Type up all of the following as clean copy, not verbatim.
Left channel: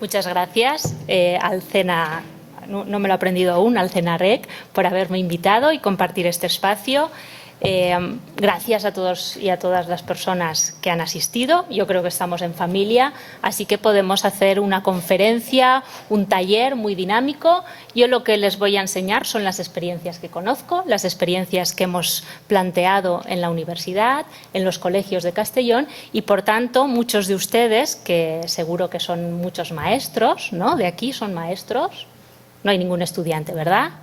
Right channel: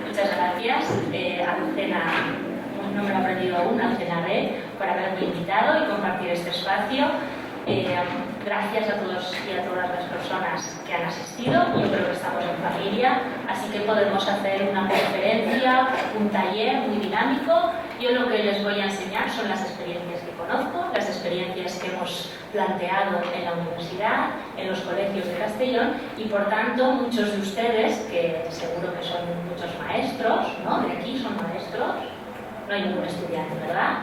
Muchas gracias, Alcena, no me lo he aprendido aún, Alcena Rec, por haberme invitado y compartir este espacio. Gracias a todos y a todas las personas que han asistido. Yo creo que estamos en familia, así que podemos hacer una conferencia, un taller muy dinámico. Yo lo que les voy a enseñar son las experiencias que conozco, las experiencias que hemos planteado en la universidad, en los colegios de Castellón, y por tanto muchos de ustedes, que seguro que son muchos maestros, ¿no? De aquí son maestros. No hay ningún estudiante, ¿verdad?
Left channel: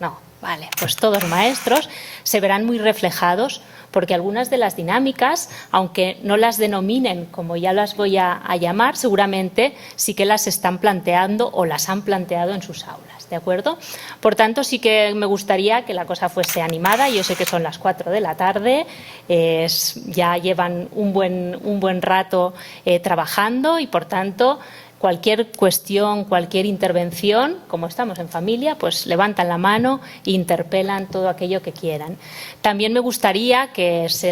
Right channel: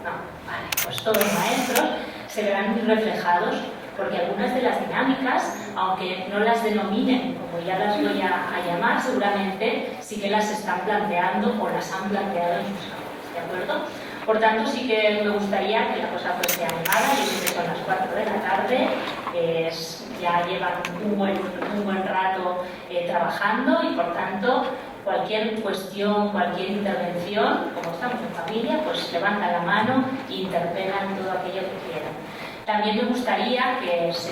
No, vale, pues todos maestros se verán muy reflejados, porque algunas de las dinámicas, aunque no las denominen como ya las voy a llamar, seguramente sí que las están planteando o las han planteado en sus aulas, ¿de acuerdo? Por tanto, sí que me gustaría que la cosa fuese animada. Yo sé que son las 4 de la tarde, ya llevan un buen rato trabajando y, por tanto, cualquier cuestión, cualquier intervención, como estamos en familia, pues levantan la mano e interpelan todo aquello que quieran. También me gustaría, que es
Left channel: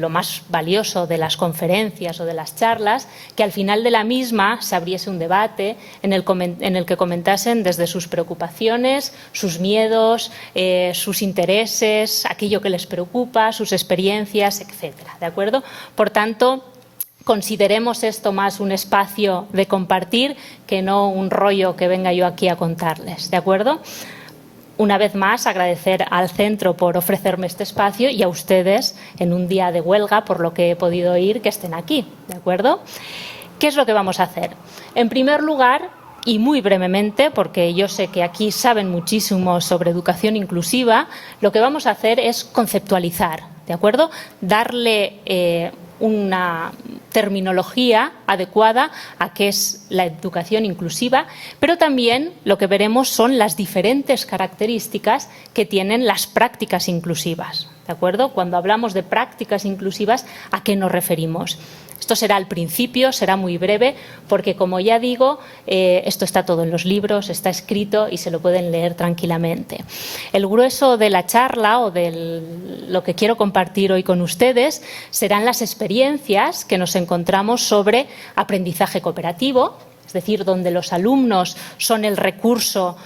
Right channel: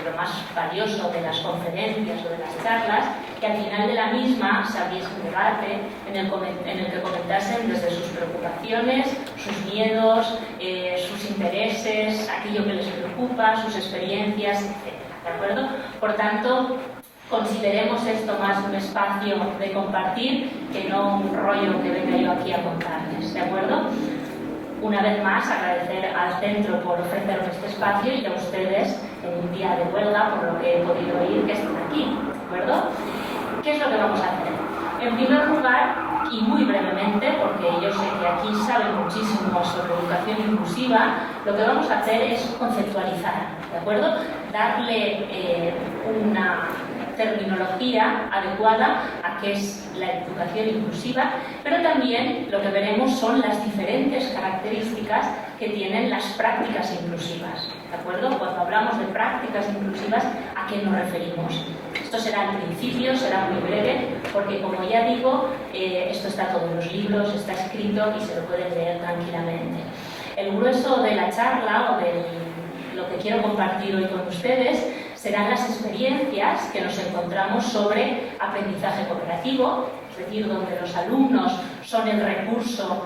lo más valioso de las conferencias o de las charlas, que al final de la misma se abriese un debate en el que comentasen desde sus preocupaciones, sus miedos, sus intereses, aquello que les preocupa, sus experiencias, etcétera, ¿de acuerdo? Por tanto, consideremos esto más un espacio de compartir que no un rollo que venga yo aquí a contarles, ¿de acuerdo? Una vez más, agradecer al centro por ofrecerme este espacio y a ustedes en un día de huelga, por lo que he podido oír, que estén aquí, ¿de acuerdo? ¿Qué es lo que vamos a hacer? En primer lugar, y muy brevemente, porque yo sé que aquí saben muchísimo sobre educación inclusiva, lo que vamos a hacer es conceptualizar, ¿de acuerdo? Darle una terminología adecuada a qué es la educación inclusiva, pero también lo que veremos son las diferentes características que tienen las prácticas inclusivas, ¿de acuerdo? Cuando hablamos de prácticas inclusivas, ¿a qué nos referimos? Esto será al principio, será muy breve, porque como ya digo, esto está todo en los libros, está escrito y se lo pueden leer tranquilamente. El grueso de la charla o lo que quiero compartir hoy con ustedes serán las experiencias que nos encontramos sobre aprendizaje cooperativo, es decir, donde los alumnos son el recurso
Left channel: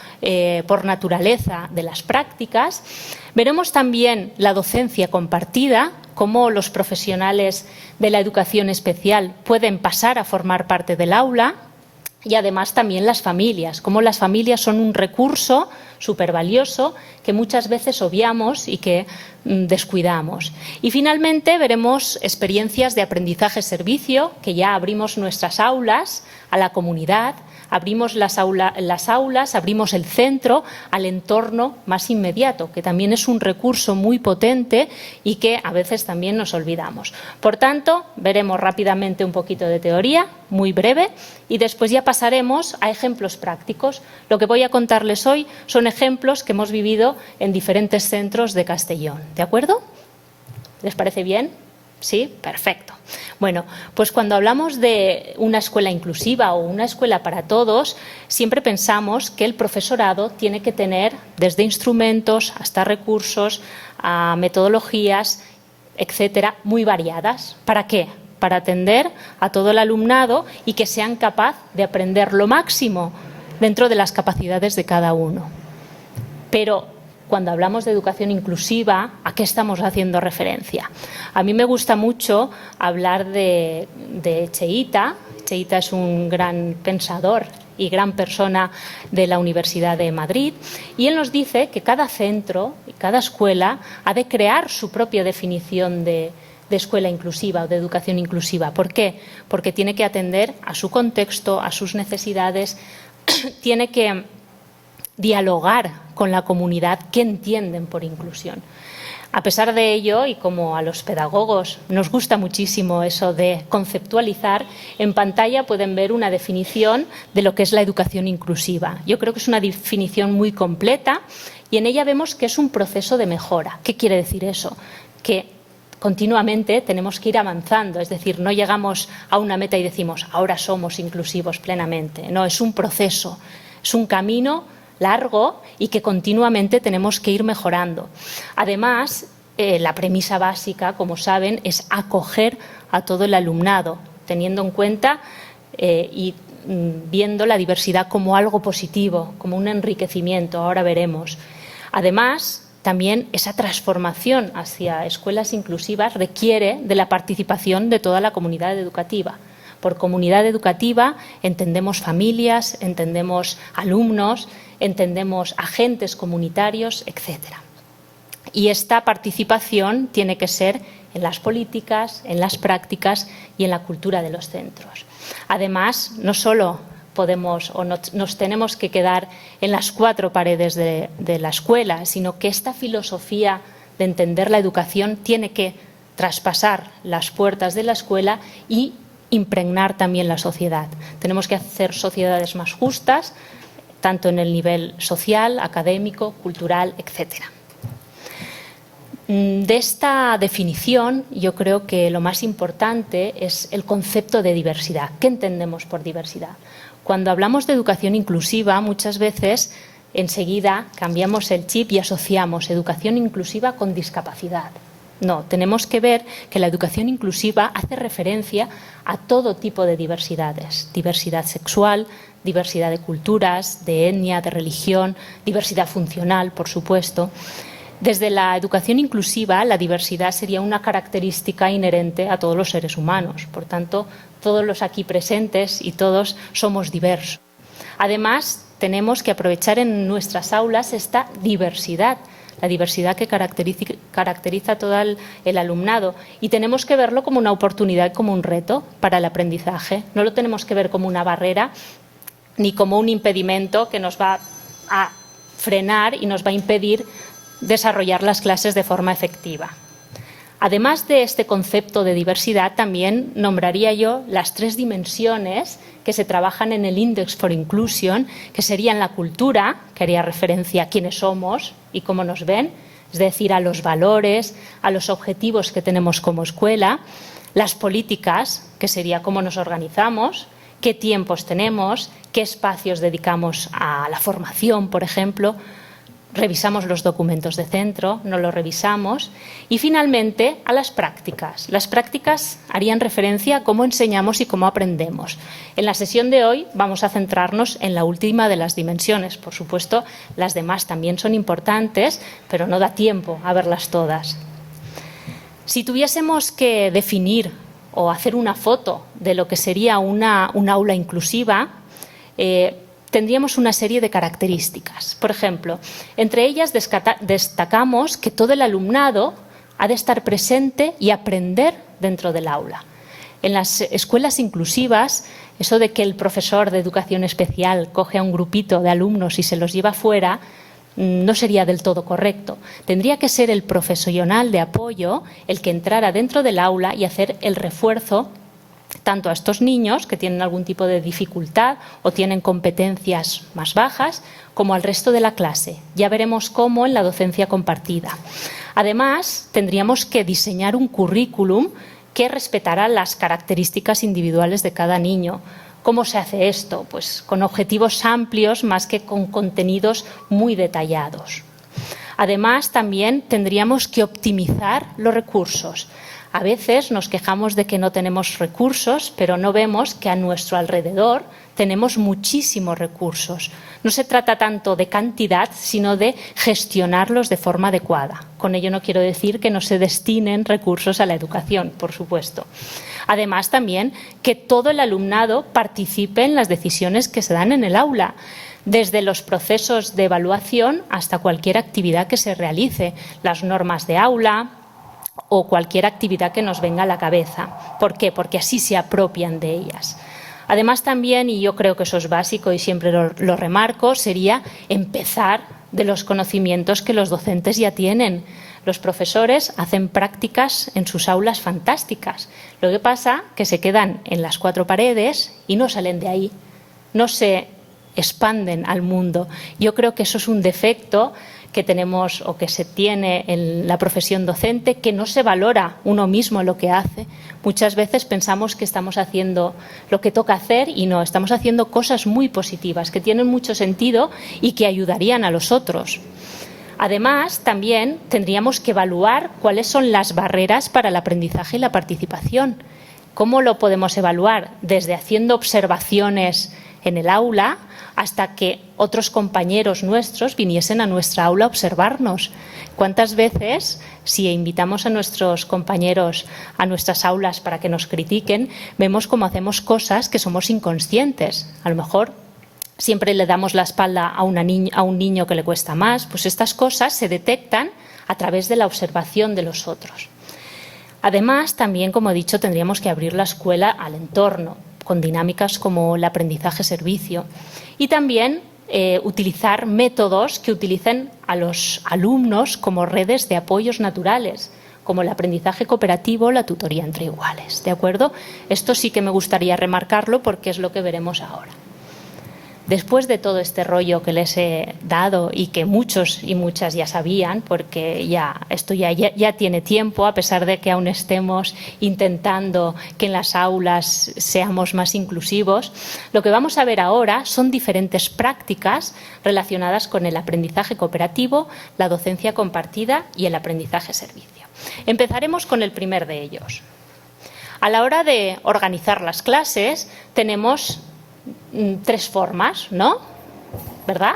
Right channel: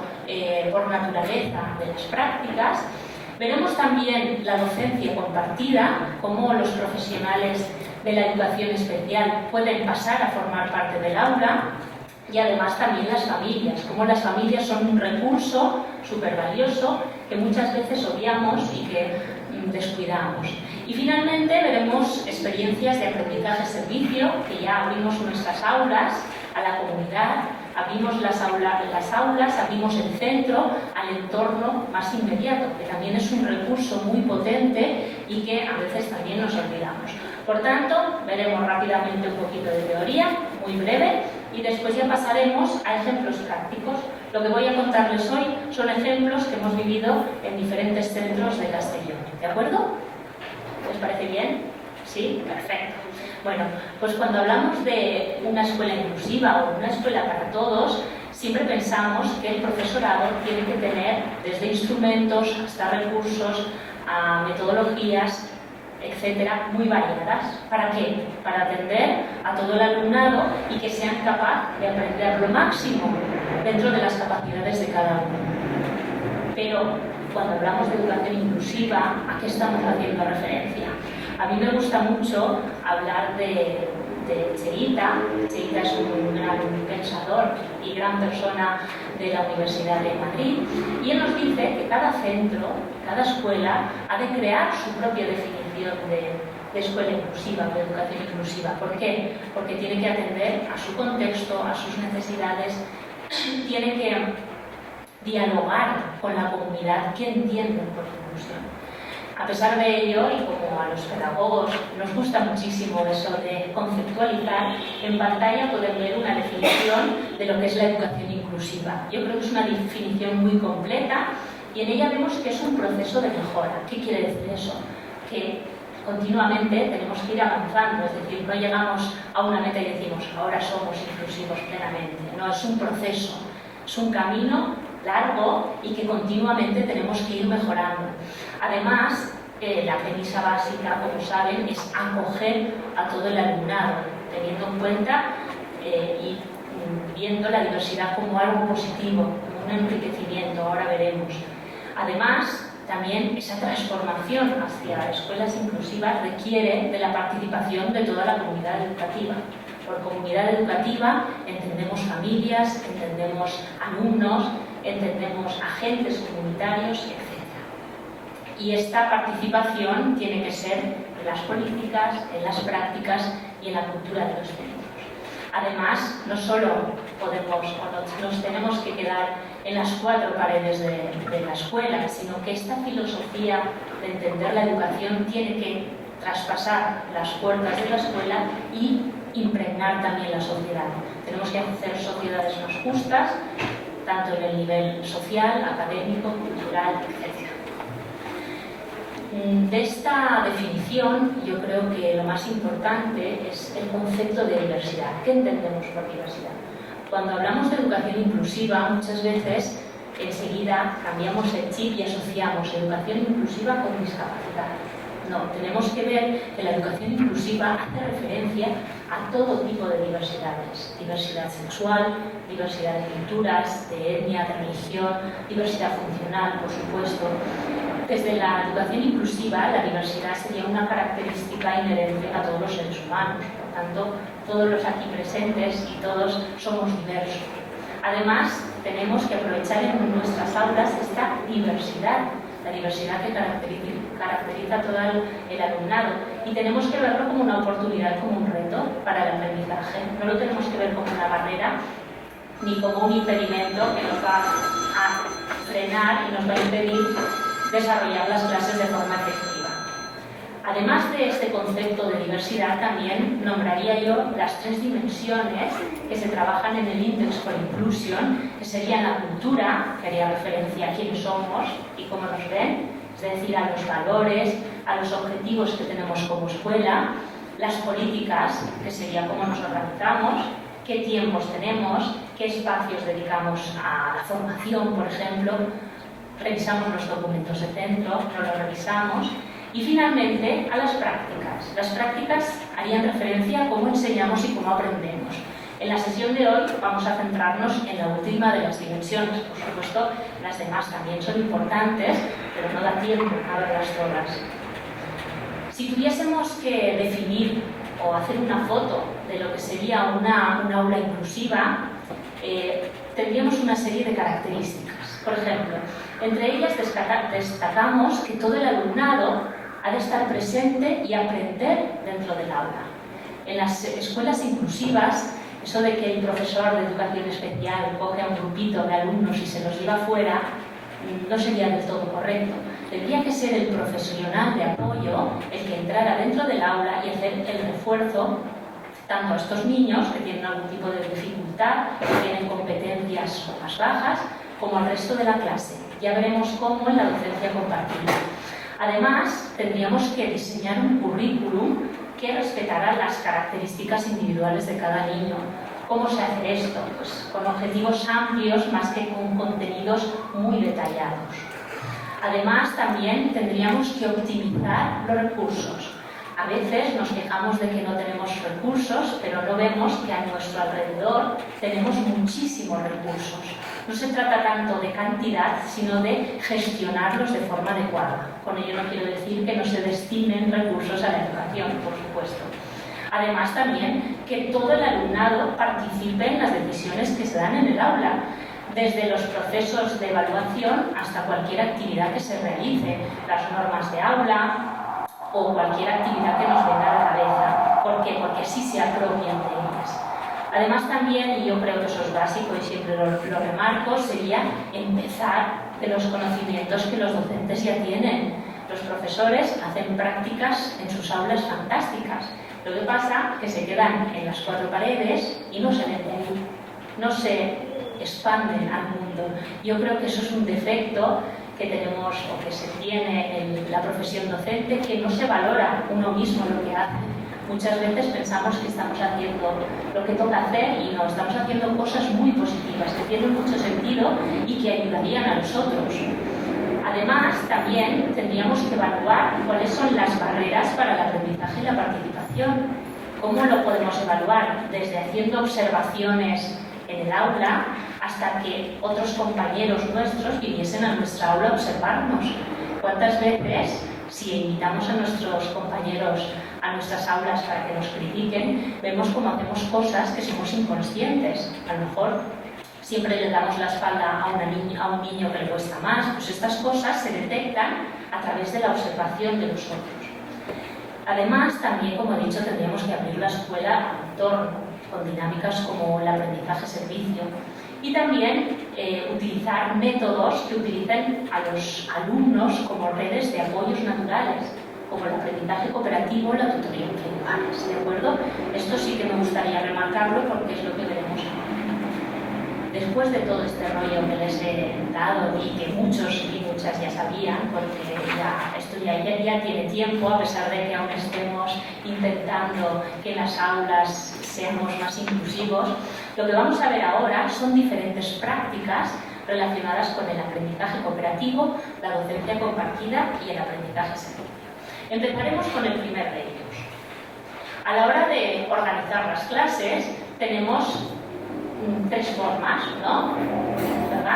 por naturaleza de las prácticas. Veremos también la docencia compartida, cómo los profesionales de la educación especial pueden pasar a formar parte del aula, y además también las familias, cómo las familias son un recurso súper valioso que muchas veces obviamos y que descuidamos. Y finalmente veremos experiencias de aprendizaje-servicio, que ya abrimos nuestras aulas a la comunidad, abrimos las aulas, abrimos el centro al entorno más inmediato, que también es un recurso muy potente y que a veces también nos olvidamos. Por tanto, veremos rápidamente un poquito de teoría, muy breve, y después ya pasaremos a ejemplos prácticos. Lo que voy a contarles hoy son ejemplos que hemos vivido en diferentes centros de Castellón. ¿De acuerdo? ¿Les parece bien? ¿Sí? Perfecto. Bueno, pues cuando hablamos de una escuela inclusiva o una escuela para todos, siempre pensamos que el profesorado tiene que tener desde instrumentos hasta recursos, a metodologías, etcétera, muy variadas. ¿Para qué? Para atender a todo el alumnado y que sean capaces de aprender lo máximo dentro de las capacidades de cada uno. Pero cuando hablamos de educación inclusiva, ¿a qué estamos haciendo referencia? A mí me gusta mucho hablar de Cheita. Cheita es un gran pensador y gran persona de la Universidad de Madrid, y él nos dice que cada centro, cada escuela ha de crear su propia definición de escuela inclusiva, de educación inclusiva. ¿Por qué? Porque tiene que atender a su contexto, a sus necesidades, tiene que dialogar con la comunidad que entienden por inclusión. A pesar de ello, y como a los pedagogos nos gusta muchísimo eso de conceptualizar, en pantalla pueden ver una definición de lo que es la educación inclusiva. Yo creo que es una definición muy completa y en ella vemos que es un proceso de mejora. ¿Qué quiere decir eso? Que continuamente tenemos que ir avanzando, es decir, no llegamos a una meta y decimos ahora somos inclusivos plenamente. No, es un proceso, es un camino largo y que continuamente tenemos que ir mejorando. Además, la premisa básica, como saben, es acoger a todo el alumnado, teniendo en cuenta y viendo la diversidad como algo positivo, como un enriquecimiento, ahora veremos. Además, también esa transformación hacia escuelas inclusivas requiere de la participación de toda la comunidad educativa. Por comunidad educativa entendemos familias, entendemos alumnos, entendemos agentes comunitarios, etc. Y esta participación tiene que ser en las políticas, en las prácticas y en la cultura de los centros. Además, no solo podemos o nos tenemos que quedar en las cuatro paredes de la escuela, sino que esta filosofía de entender la educación tiene que traspasar las puertas de la escuela y impregnar también la sociedad. Tenemos que hacer sociedades más justas, tanto en el nivel social, académico, cultural, etc. De esta definición, yo creo que lo más importante es el concepto de diversidad. ¿Qué entendemos por diversidad? Cuando hablamos de educación inclusiva, muchas veces enseguida cambiamos el chip y asociamos educación inclusiva con discapacidad. No, tenemos que ver que la educación inclusiva hace referencia a todo tipo de diversidades. Diversidad sexual, diversidad de culturas, de etnia, de religión, diversidad funcional, por supuesto. Desde la educación inclusiva, la diversidad sería una característica inherente a todos los seres humanos. Por tanto, todos los aquí presentes y todos somos diversos. Además, tenemos que aprovechar en nuestras aulas esta diversidad, la diversidad que caracteriza a todo el alumnado, y tenemos que verlo como una oportunidad, como un reto para el aprendizaje. No lo tenemos que ver como una barrera ni como un impedimento que nos va a frenar y nos va a impedir desarrollar las clases de forma efectiva. Además de este concepto de diversidad, también nombraría yo las 3 dimensiones que se trabajan en el Index for Inclusion, que serían la cultura, que haría referencia a quiénes somos y cómo nos ven, es decir, a los valores, a los objetivos que tenemos como escuela, las políticas, que sería cómo nos organizamos, qué tiempos tenemos, qué espacios dedicamos a la formación, por ejemplo. Revisamos los documentos de centro, no los revisamos. Y finalmente a las prácticas. Las prácticas harían referencia a cómo enseñamos y cómo aprendemos. En la sesión de hoy vamos a centrarnos en la última de las dimensiones. Por supuesto, las demás también son importantes, pero no da tiempo a verlas todas. Si tuviésemos que definir o hacer una foto de lo que sería una aula inclusiva, tendríamos una serie de características. Por ejemplo, entre ellas destacamos que todo el alumnado ha de estar presente y aprender dentro del aula. En las escuelas inclusivas, eso de que el profesor de educación especial coge a un grupito de alumnos y se los lleva fuera, no sería del todo correcto. Tendría que ser el profesional de apoyo el que entrara dentro del aula y hacer el refuerzo tanto a estos niños que tienen algún tipo de dificultad o tienen competencias más bajas, como al resto de la clase. Ya veremos cómo en la docencia compartida. Además, tendríamos que diseñar un currículum que respetara las características individuales de cada niño. ¿Cómo se hace esto? Pues con objetivos amplios más que con contenidos muy detallados. Además, también tendríamos que optimizar los recursos. A veces nos quejamos de que no tenemos recursos, pero no vemos que a nuestro alrededor tenemos muchísimos recursos. No se trata tanto de cantidad, sino de gestionarlos de forma adecuada. Con ello no quiero decir que no se destinen recursos a la educación, por supuesto. Además, también que todo el alumnado participe en las decisiones que se dan en el aula, desde los procesos de evaluación hasta cualquier actividad que se realice, las normas de aula o cualquier actividad que nos venga a la cabeza. ¿Por qué? Porque así se apropian de ellas. Además también, y yo creo que eso es básico y siempre lo remarco, sería empezar de los conocimientos que los docentes ya tienen. Los profesores hacen prácticas en sus aulas fantásticas. Lo que pasa es que se quedan en las 4 paredes y no salen de ahí. No se expanden al mundo. Yo creo que eso es un defecto que tenemos o que se tiene en la profesión docente, que no se valora uno mismo lo que hace. Muchas veces pensamos que estamos haciendo lo que toca hacer y no, estamos haciendo cosas muy positivas, que tienen mucho sentido y que ayudarían a los otros. Además, también tendríamos que evaluar cuáles son las barreras para el aprendizaje y la participación. ¿Cómo lo podemos evaluar? Desde haciendo observaciones en el aula hasta que otros compañeros nuestros viniesen a nuestra aula a observarnos. ¿Cuántas veces, si invitamos a nuestros compañeros a nuestras aulas para que nos critiquen, vemos cómo hacemos cosas que somos inconscientes? A lo mejor siempre le damos la espalda a un niño que le cuesta más. Pues estas cosas se detectan a través de la observación de los otros. Además, también, como he dicho, tendríamos que abrir la escuela al entorno, con dinámicas como el aprendizaje-servicio. Y también utilizar métodos que utilicen a los alumnos como redes de apoyos naturales, como el aprendizaje cooperativo o la tutoría entre iguales, ¿de acuerdo? Esto sí que me gustaría remarcarlo porque es lo que veremos ahora. Después de todo este rollo que les he dado y que muchos y muchas ya sabían, porque esto ya tiene tiempo, a pesar de que aún estemos intentando que en las aulas seamos más inclusivos, lo que vamos a ver ahora son diferentes prácticas relacionadas con el aprendizaje cooperativo, la docencia compartida y el aprendizaje-servicio. Empezaremos con el primer de ellos. A la hora de organizar las clases tenemos tres formas, ¿no? ¿Verdad?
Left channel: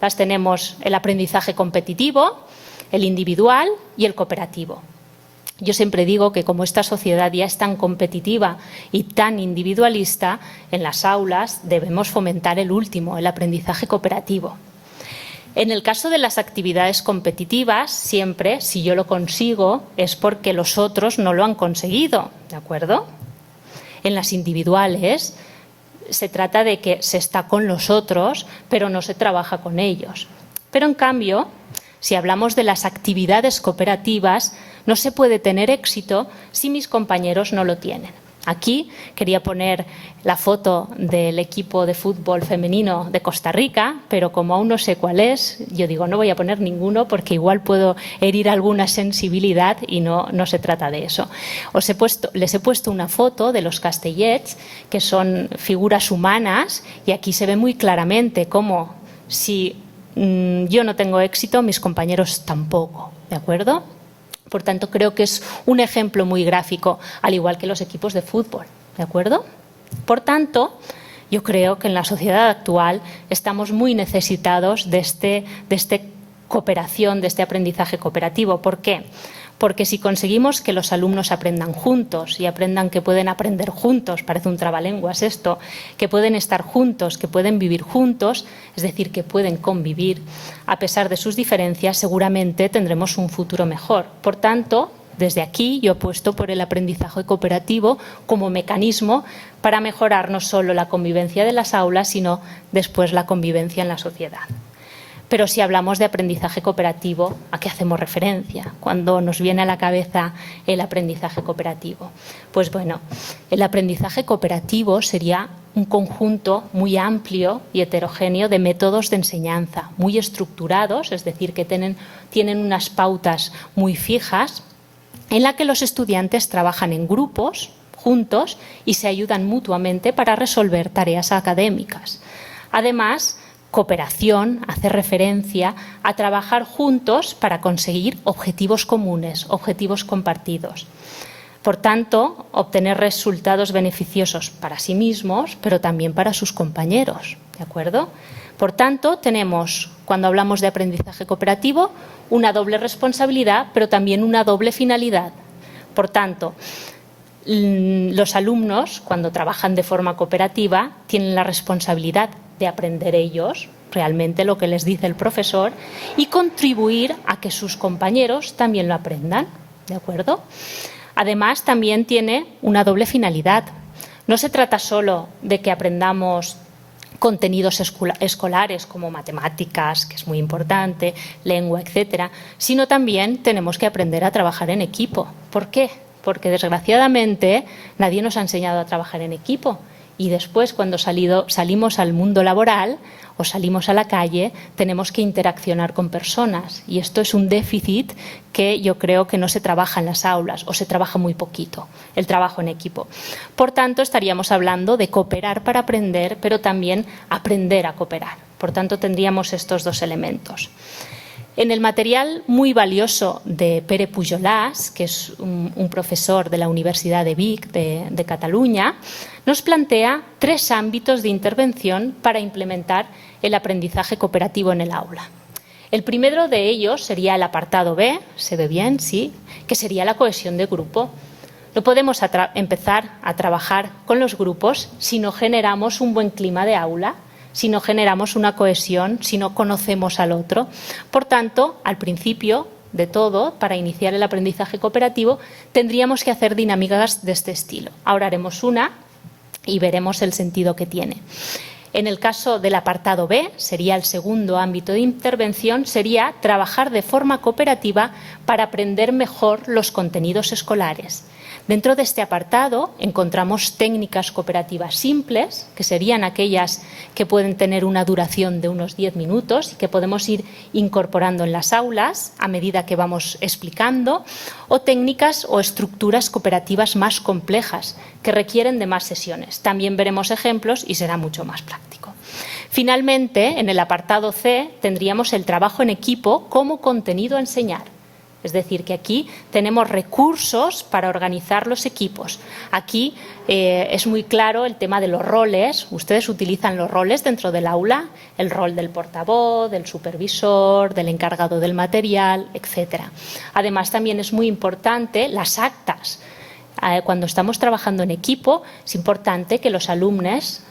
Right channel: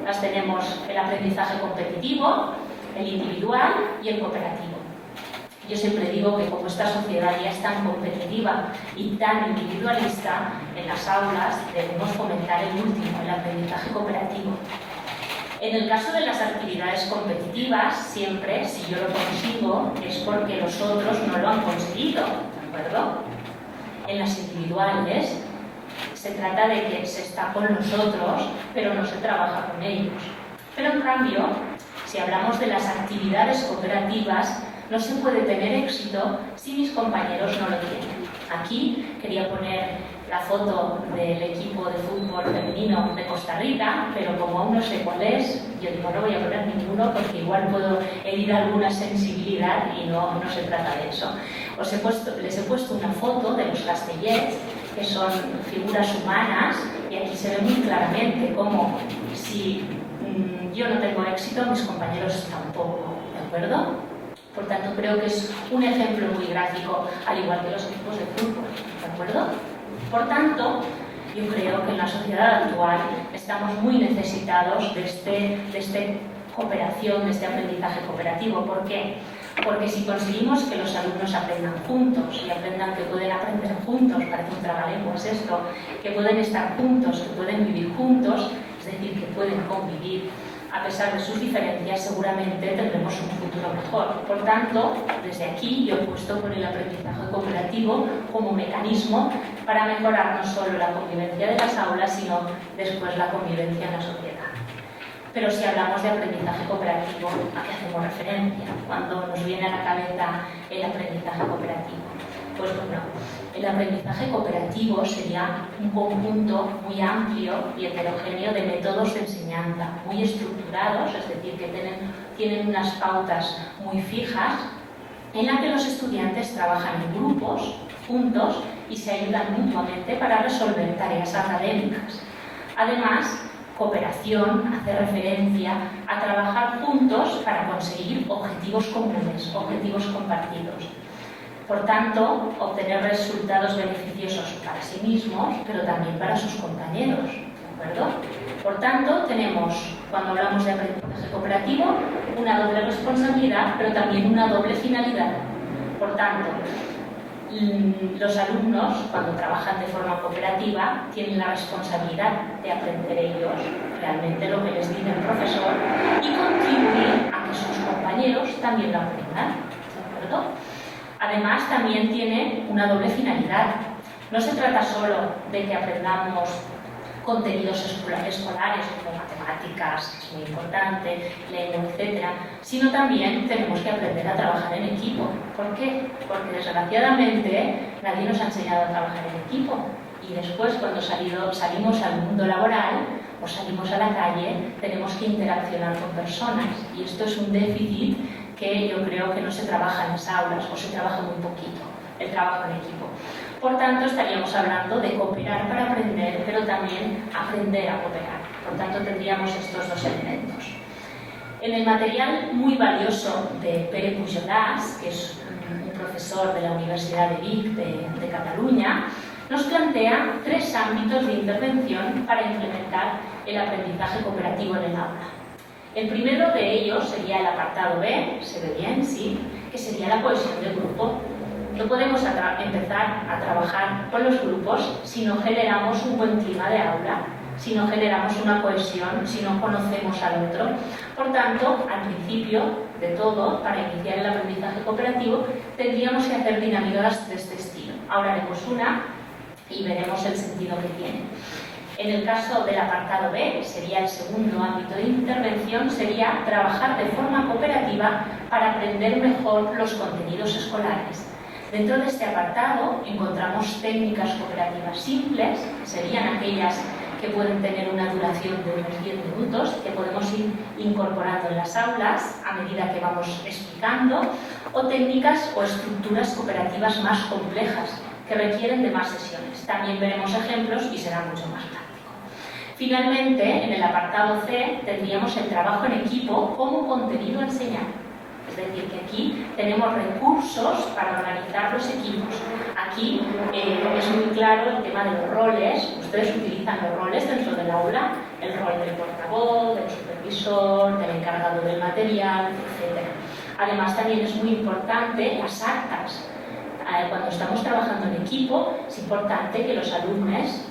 Las tenemos: el aprendizaje competitivo, el individual y el cooperativo. Yo siempre digo que como esta sociedad ya es tan competitiva y tan individualista, en las aulas debemos fomentar el último, el aprendizaje cooperativo. En el caso de las actividades competitivas, siempre, si yo lo consigo, es porque los otros no lo han conseguido, ¿de acuerdo? En las individuales se trata de que se está con los otros, pero no se trabaja con ellos. Pero en cambio, si hablamos de las actividades cooperativas, no se puede tener éxito si mis compañeros no lo tienen. Aquí quería poner la foto del equipo de fútbol femenino de Costa Rica, pero como aún no sé cuál es, yo digo, no voy a poner ninguno porque igual puedo herir alguna sensibilidad y no se trata de eso. Les he puesto una foto de los castellets, que son figuras humanas, y aquí se ve muy claramente cómo si yo no tengo éxito, mis compañeros tampoco, ¿de acuerdo? Por tanto, creo que es un ejemplo muy gráfico, al igual que los equipos de fútbol, ¿de acuerdo? Por tanto, yo creo que en la sociedad actual estamos muy necesitados de esta cooperación, de este aprendizaje cooperativo. ¿Por qué? Porque si conseguimos que los alumnos aprendan juntos y aprendan que pueden aprender juntos, parece un trabalenguas esto, que pueden estar juntos, que pueden vivir juntos, es decir, que pueden convivir, a pesar de sus diferencias, seguramente tendremos un futuro mejor. Por tanto, desde aquí yo apuesto por el aprendizaje cooperativo como mecanismo para mejorar no solo la convivencia de las aulas, sino después la convivencia en la sociedad. Pero si hablamos de aprendizaje cooperativo, ¿a qué hacemos referencia cuando nos viene a la cabeza el aprendizaje cooperativo? Pues bueno, el aprendizaje cooperativo sería un conjunto muy amplio y heterogéneo de métodos de enseñanza, muy estructurados, es decir, que tienen unas pautas muy fijas, en la que los estudiantes trabajan en grupos, juntos, y se ayudan mutuamente para resolver tareas académicas. Además, cooperación hace referencia a trabajar juntos para conseguir objetivos comunes, objetivos compartidos. Por tanto, obtener resultados beneficiosos para sí mismos, pero también para sus compañeros, ¿de acuerdo? Por tanto, tenemos, cuando hablamos de aprendizaje cooperativo, una doble responsabilidad, pero también una doble finalidad. Por tanto, los alumnos, cuando trabajan de forma cooperativa, tienen la responsabilidad de aprender ellos realmente lo que les dice el profesor y contribuir a que sus compañeros también lo aprendan, ¿de acuerdo? Además, también tiene una doble finalidad. No se trata solo de que aprendamos contenidos escolares como matemáticas, que es muy importante, lengua, etcétera, sino también tenemos que aprender a trabajar en equipo. ¿Por qué? Porque desgraciadamente nadie nos ha enseñado a trabajar en equipo y después cuando salimos al mundo laboral o salimos a la calle, tenemos que interaccionar con personas y esto es un déficit que yo creo que no se trabaja en las aulas o se trabaja muy poquito, el trabajo en equipo. Por tanto, estaríamos hablando de cooperar para aprender, pero también aprender a cooperar. Por tanto, tendríamos estos dos elementos. En el material muy valioso de Pere Pujolàs, que es un profesor de la Universidad de Vic de Cataluña, nos plantea 3 ámbitos de intervención para implementar el aprendizaje cooperativo en el aula. El primero de ellos sería el apartado B, se ve bien, sí, que sería la cohesión de grupo. No podemos empezar a trabajar con los grupos si no generamos un buen clima de aula, si no generamos una cohesión, si no conocemos al otro. Por tanto, al principio de todo, para iniciar el aprendizaje cooperativo, tendríamos que hacer dinámicas de este estilo. Ahora haremos una y veremos el sentido que tiene. En el caso del apartado B, sería el segundo ámbito de intervención, sería trabajar de forma cooperativa para aprender mejor los contenidos escolares. Dentro de este apartado encontramos técnicas cooperativas simples, que serían aquellas que pueden tener una duración de unos 10 minutos, que podemos ir incorporando en las aulas a medida que vamos explicando, o técnicas o estructuras cooperativas más complejas, que requieren de más sesiones. También veremos ejemplos y será mucho más práctico. Finalmente, en el apartado C, tendríamos el trabajo en equipo como contenido a enseñar. Es decir, que aquí tenemos recursos para organizar los equipos. Aquí es muy claro el tema de los roles. Ustedes utilizan los roles dentro del aula, el rol del portavoz, del supervisor, del encargado del material, etc. Además, también es muy importante las actas. Cuando estamos trabajando en equipo, es importante que los alumnos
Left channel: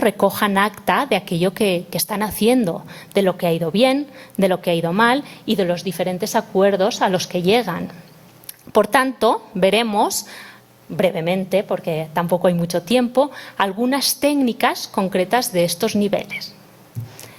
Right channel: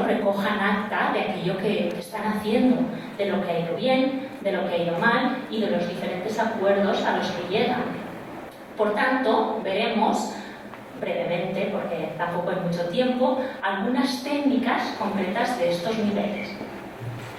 recojan acta de aquello que están haciendo, de lo que ha ido bien, de lo que ha ido mal y de los diferentes acuerdos a los que llegan. Por tanto, veremos brevemente, porque tampoco hay mucho tiempo, algunas técnicas concretas de estos niveles.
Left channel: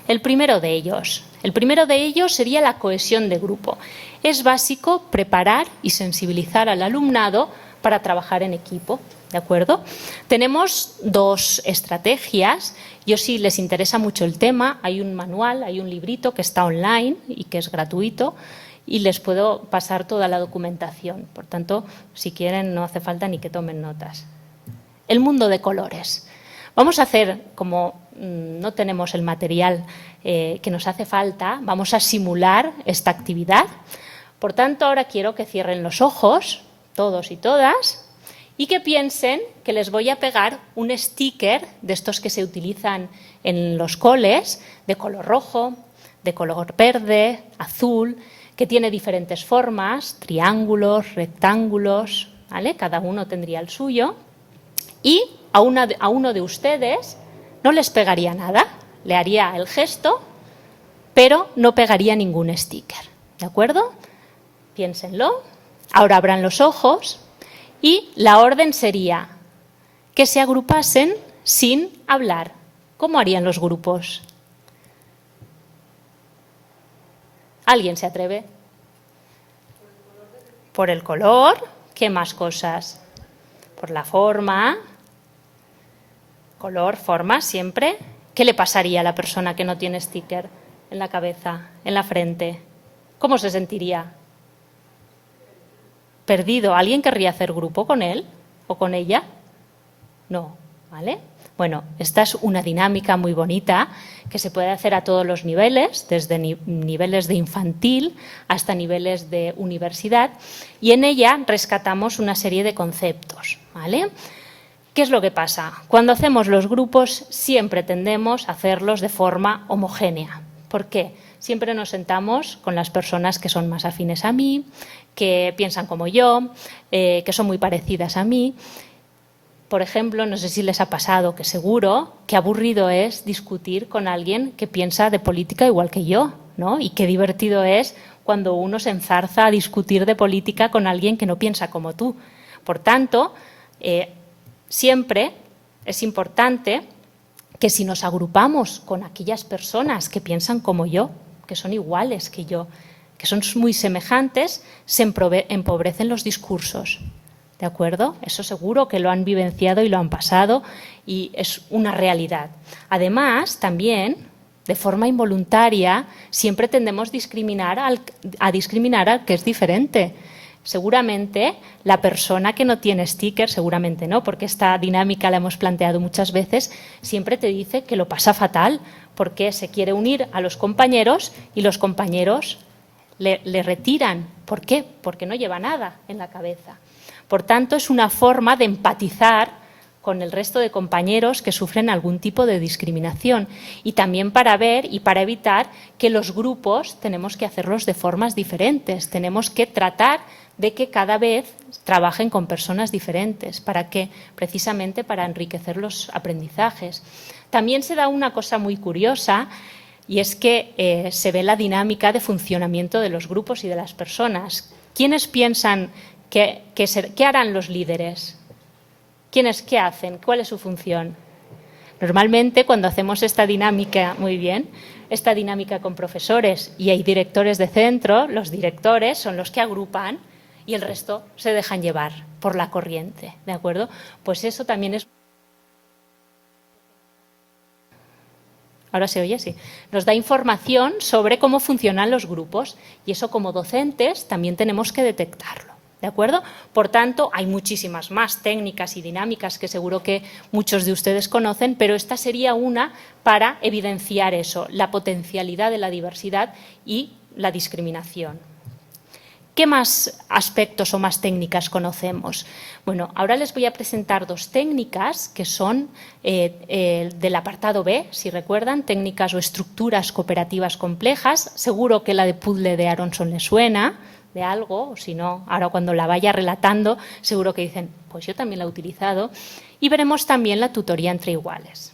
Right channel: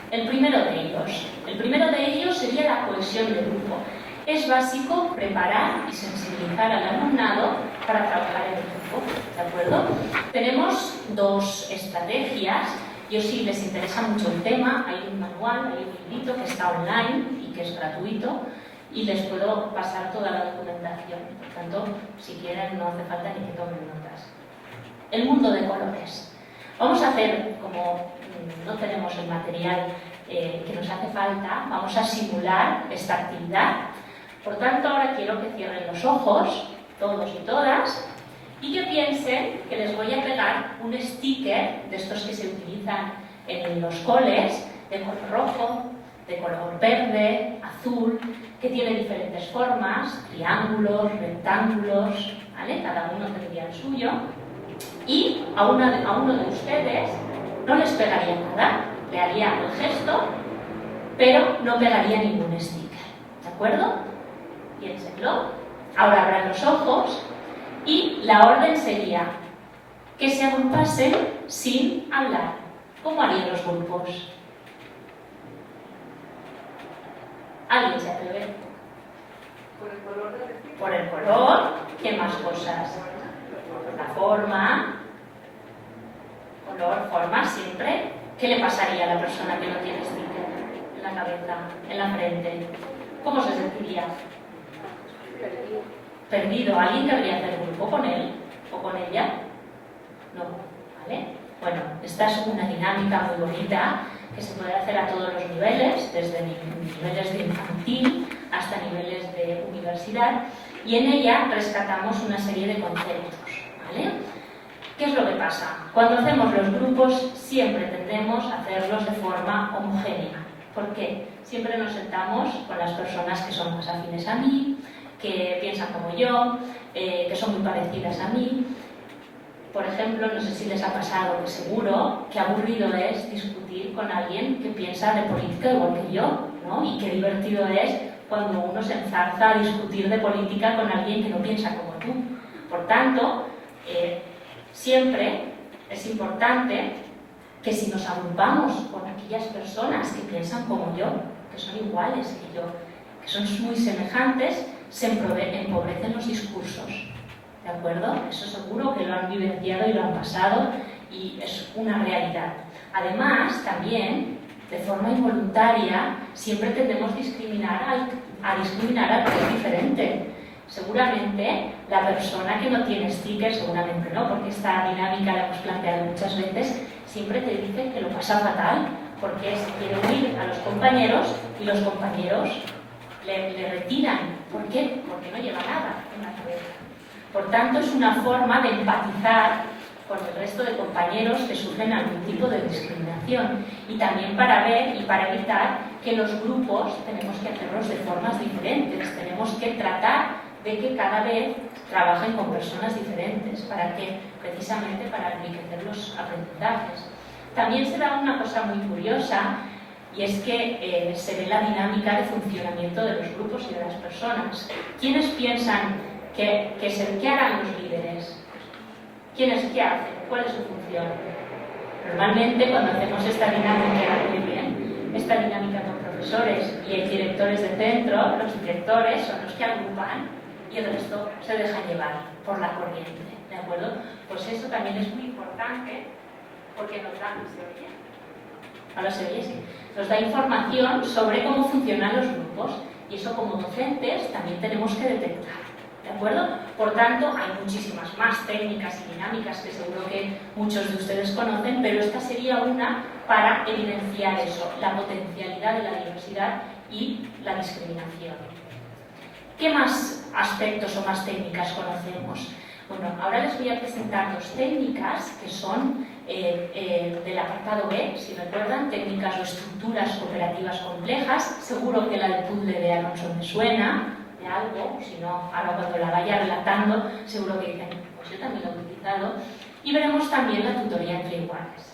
El primero de ellos sería la cohesión de grupo. Es básico preparar y sensibilizar al alumnado para trabajar en equipo, ¿de acuerdo? Tenemos 2 estrategias. Yo, si les interesa mucho el tema, hay un manual, hay un librito que está online y que es gratuito y les puedo pasar toda la documentación. Por tanto, si quieren, no hace falta ni que tomen notas. El mundo de colores. Vamos a hacer, como no tenemos el material que nos hace falta, vamos a simular esta actividad. Por tanto, ahora quiero que cierren los ojos, todos y todas, y que piensen que les voy a pegar un sticker de estos que se utilizan en los coles, de color rojo, de color verde, azul, que tiene diferentes formas, triángulos, rectángulos, ¿vale? Cada uno tendría el suyo. Y a uno de ustedes no les pegaría nada, le haría el gesto, pero no pegaría ningún sticker, ¿de acuerdo? Piénsenlo. Ahora abran los ojos y la orden sería que se agrupasen sin hablar. ¿Cómo harían los grupos? ¿Alguien se atreve? Por el color. ¿Qué más cosas? Por la forma. Color, forma, siempre. ¿Qué le pasaría a la persona que no tiene sticker en la cabeza, en la frente? ¿Cómo se sentiría? Perdido. ¿Alguien querría hacer grupo con él o con ella? No, ¿vale? Bueno, esta es una dinámica muy bonita que se puede hacer a todos los niveles, desde niveles de infantil hasta niveles de universidad, y en ella rescatamos una serie de conceptos, ¿vale? ¿Qué es lo que pasa? Cuando hacemos los grupos siempre tendemos a hacerlos de forma homogénea. ¿Por qué? Siempre nos sentamos con las personas que son más afines a mí, que piensan como yo, que son muy parecidas a mí. Por ejemplo, no sé si les ha pasado, que seguro que aburrido es discutir con alguien que piensa de política igual que yo, ¿no? Y qué divertido es cuando uno se enzarza a discutir de política con alguien que no piensa como tú. Por tanto, siempre es importante que si nos agrupamos con aquellas personas que piensan como yo, que son iguales que yo, que son muy semejantes, se empobrecen los discursos, ¿de acuerdo? Eso seguro que lo han vivenciado y lo han pasado y es una realidad. Además, también de forma involuntaria, siempre tendemos a discriminar al que es diferente. Seguramente la persona que no tiene sticker, seguramente no, porque esta dinámica la hemos planteado muchas veces, siempre te dice que lo pasa fatal porque se quiere unir a los compañeros y los compañeros le retiran. ¿Por qué? Porque no lleva nada en la cabeza. Por tanto, es una forma de empatizar con el resto de compañeros que sufren algún tipo de discriminación, y también para ver y para evitar que los grupos tenemos que hacerlos de formas diferentes, tenemos que tratar de que cada vez trabajen con personas diferentes, precisamente para enriquecer los aprendizajes. También se da una cosa muy curiosa, y es que se ve la dinámica de funcionamiento de los grupos y de las personas. ¿Quiénes piensan qué harán los líderes? ¿Qué hacen? ¿Cuál es su función? Normalmente, cuando hacemos esta dinámica, esta dinámica con profesores y hay directores de centro, los directores son los que agrupan y el resto se dejan llevar por la corriente, ¿de acuerdo? Pues eso también es muy importante porque nos da... ¿Se oye? Ahora se oye, sí. Nos da información sobre cómo funcionan los grupos, y eso como docentes también tenemos que detectarlo. ¿De acuerdo? Por tanto, hay muchísimas más técnicas y dinámicas que seguro que muchos de ustedes conocen, pero esta sería una para evidenciar eso, la potencialidad de la diversidad y la discriminación. ¿Qué más aspectos o más técnicas conocemos? Bueno, ahora les voy a presentar dos técnicas que son del apartado B, si recuerdan, técnicas o estructuras cooperativas complejas. Seguro que la de puzzle de Aronson me suena de algo, o si no, ahora cuando la vaya relatando, seguro que dicen, pues yo también la he utilizado. Y veremos también la tutoría entre iguales.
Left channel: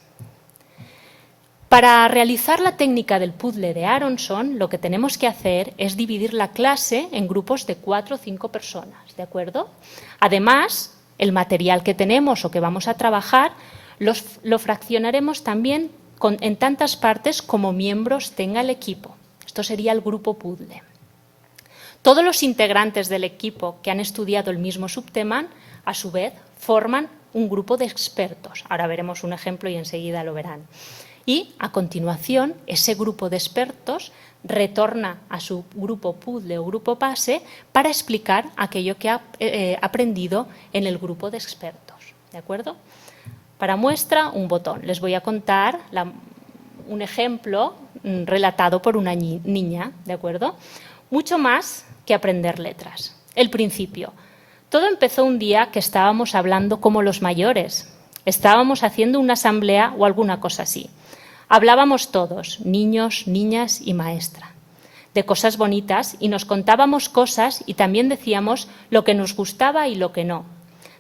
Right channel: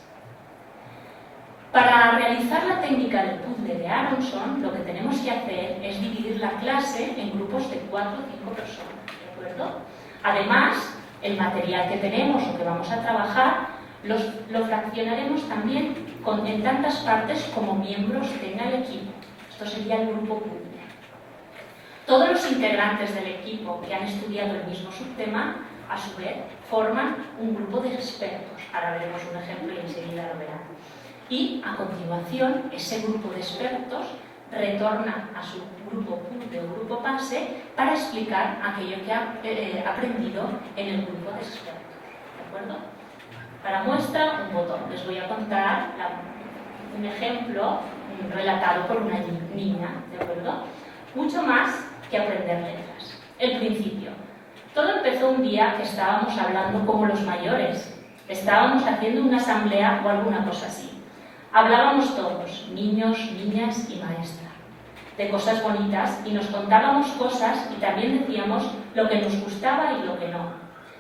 Para realizar la técnica del puzzle de Aronson, lo que tenemos que hacer es dividir la clase en grupos de 4 o 5 personas, ¿de acuerdo? Además, el material que tenemos o que vamos a trabajar lo fraccionaremos también en tantas partes como miembros tenga el equipo. Esto sería el grupo puzzle. Todos los integrantes del equipo que han estudiado el mismo subtema, a su vez, forman un grupo de expertos. Ahora veremos un ejemplo y enseguida lo verán. Y, a continuación, ese grupo de expertos retorna a su grupo puzzle o grupo base para explicar aquello que ha aprendido en el grupo de expertos. ¿De acuerdo? Para muestra, un botón. Les voy a contar un ejemplo relatado por una niña. ¿De acuerdo? Mucho más que aprender letras. El principio. Todo empezó un día que estábamos hablando como los mayores. Estábamos haciendo una asamblea o alguna cosa así. Hablábamos todos, niños, niñas y maestra, de cosas bonitas, y nos contábamos cosas y también decíamos lo que nos gustaba y lo que no.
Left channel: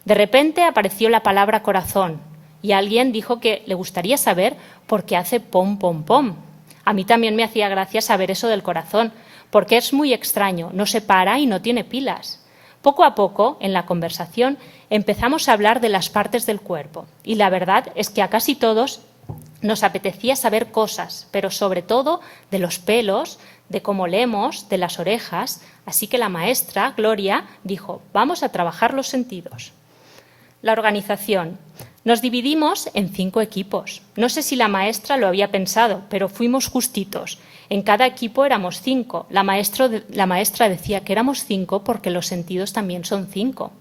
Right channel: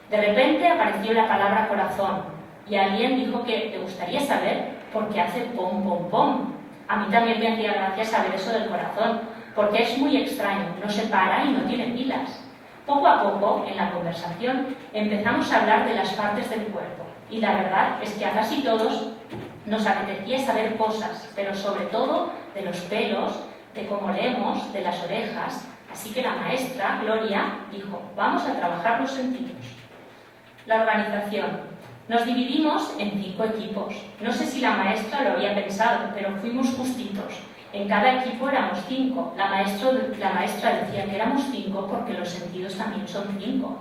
De repente apareció la palabra corazón y alguien dijo que le gustaría saber por qué hace pom, pom, pom. A mí también me hacía gracia saber eso del corazón, porque es muy extraño, no se para y no tiene pilas. Poco a poco, en la conversación, empezamos a hablar de las partes del cuerpo, y la verdad es que a casi todos nos apetecía saber cosas, pero sobre todo de los pelos, de cómo leemos, de las orejas, así que la maestra, Gloria, dijo, vamos a trabajar los sentidos. La organización. Nos dividimos en 5 equipos. No sé si la maestra lo había pensado, pero fuimos justitos. En cada equipo éramos 5. La maestra decía que éramos 5 porque los sentidos también son 5.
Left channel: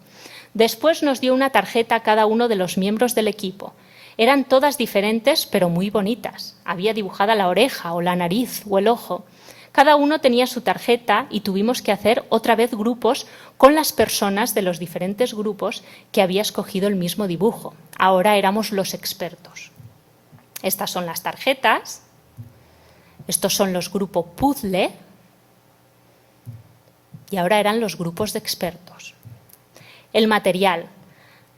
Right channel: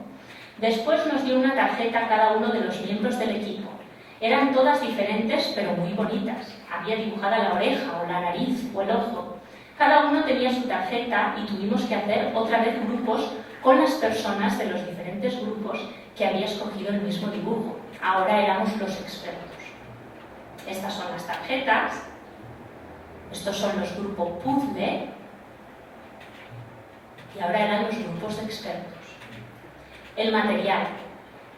Después nos dio una tarjeta a cada uno de los miembros del equipo. Eran todas diferentes, pero muy bonitas. Había dibujada la oreja o la nariz o el ojo. Cada uno tenía su tarjeta y tuvimos que hacer otra vez grupos con las personas de los diferentes grupos que había escogido el mismo dibujo. Ahora éramos los expertos. Estas son las tarjetas. Estos son los grupos puzzle. Y ahora eran los grupos de expertos. El material.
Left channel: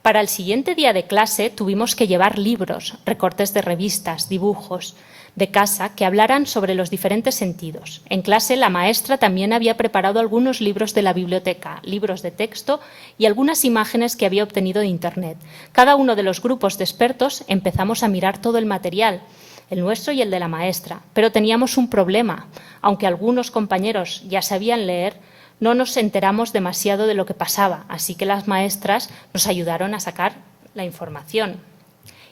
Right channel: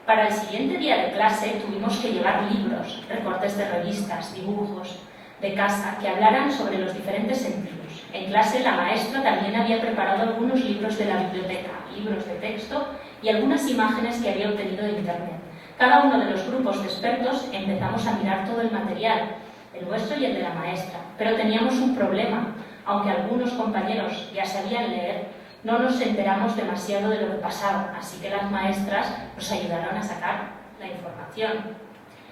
Para el siguiente día de clase tuvimos que llevar libros, recortes de revistas, dibujos de casa que hablaran sobre los diferentes sentidos. En clase la maestra también había preparado algunos libros de la biblioteca, libros de texto y algunas imágenes que había obtenido de internet. Cada uno de los grupos de expertos empezamos a mirar todo el material, el nuestro y el de la maestra, pero teníamos un problema. Aunque algunos compañeros ya sabían leer, no nos enteramos demasiado de lo que pasaba, así que las maestras nos ayudaron a sacar la información.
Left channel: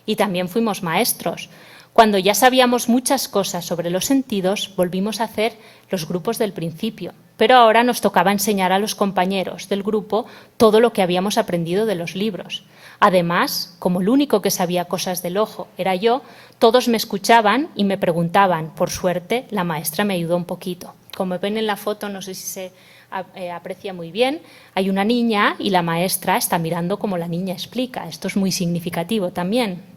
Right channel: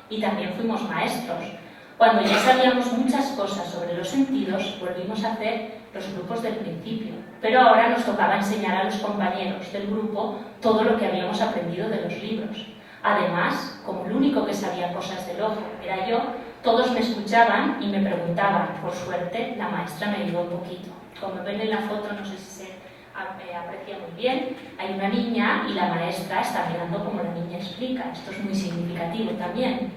Y también fuimos maestros. Cuando ya sabíamos muchas cosas sobre los sentidos, volvimos a hacer los grupos del principio, pero ahora nos tocaba enseñar a los compañeros del grupo todo lo que habíamos aprendido de los libros. Además, como el único que sabía cosas del ojo era yo, todos me escuchaban y me preguntaban. Por suerte, la maestra me ayudó un poquito. Como ven en la foto, no sé si se aprecia muy bien, hay una niña y la maestra está mirando como la niña explica. Esto es muy significativo también.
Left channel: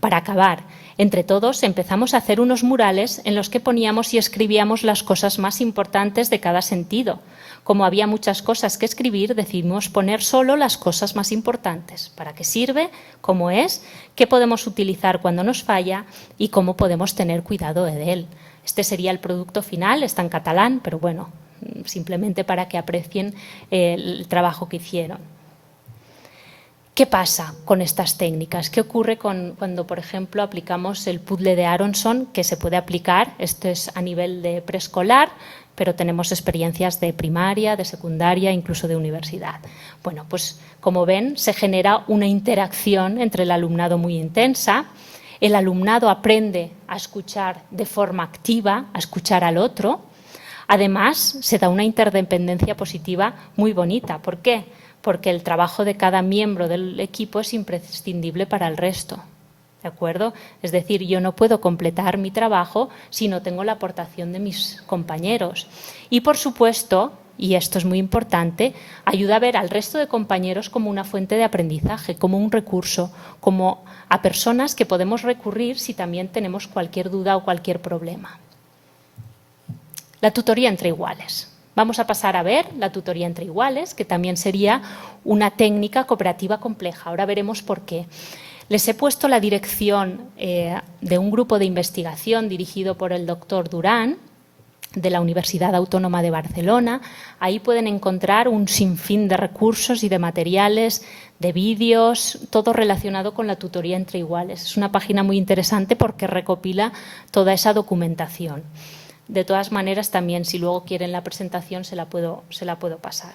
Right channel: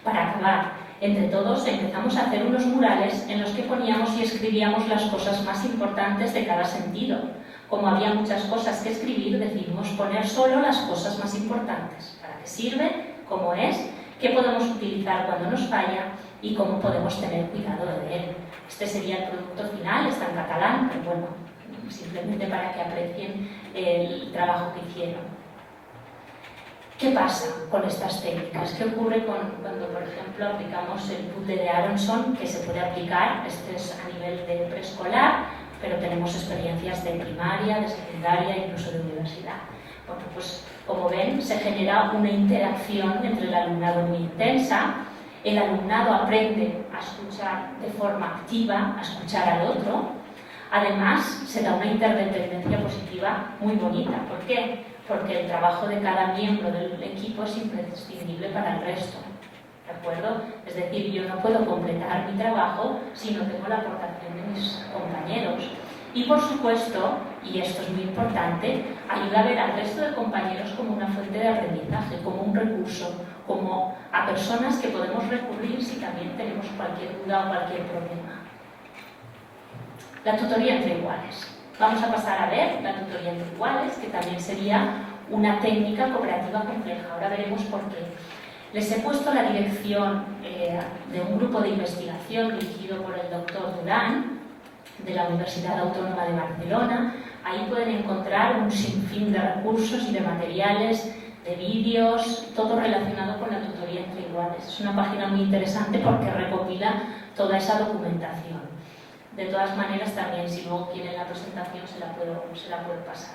Para acabar, entre todos empezamos a hacer unos murales en los que poníamos y escribíamos las cosas más importantes de cada sentido. Como había muchas cosas que escribir, decidimos poner solo las cosas más importantes. ¿Para qué sirve? ¿Cómo es? ¿Qué podemos utilizar cuando nos falla? Y cómo podemos tener cuidado de él. Este sería el producto final, está en catalán, pero bueno, simplemente para que aprecien el trabajo que hicieron. ¿Qué pasa con estas técnicas? ¿Qué ocurre cuando, por ejemplo, aplicamos el puzzle de Aronson, que se puede aplicar? Esto es a nivel de preescolar, pero tenemos experiencias de primaria, de secundaria, incluso de universidad. Bueno, pues como ven, se genera una interacción entre el alumnado muy intensa. El alumnado aprende a escuchar de forma activa, a escuchar al otro. Además, se da una interdependencia positiva muy bonita. ¿Por qué? Porque el trabajo de cada miembro del equipo es imprescindible para el resto. ¿De acuerdo? Es decir, yo no puedo completar mi trabajo si no tengo la aportación de mis compañeros. Y por supuesto, y esto es muy importante, ayuda a ver al resto de compañeros como una fuente de aprendizaje, como un recurso, como a personas que podemos recurrir si también tenemos cualquier duda o cualquier problema. La tutoría entre iguales. Vamos a pasar a ver la tutoría entre iguales, que también sería una técnica cooperativa compleja. Ahora veremos por qué. Les he puesto la dirección de un grupo de investigación dirigido por el doctor Durán, de la Universidad Autónoma de Barcelona. Ahí pueden encontrar un sinfín de recursos y de materiales, de vídeos, todo relacionado con la tutoría entre iguales. Es una página muy interesante porque recopila toda esa documentación. De todas maneras, también, si luego quieren la presentación, se la puedo pasar.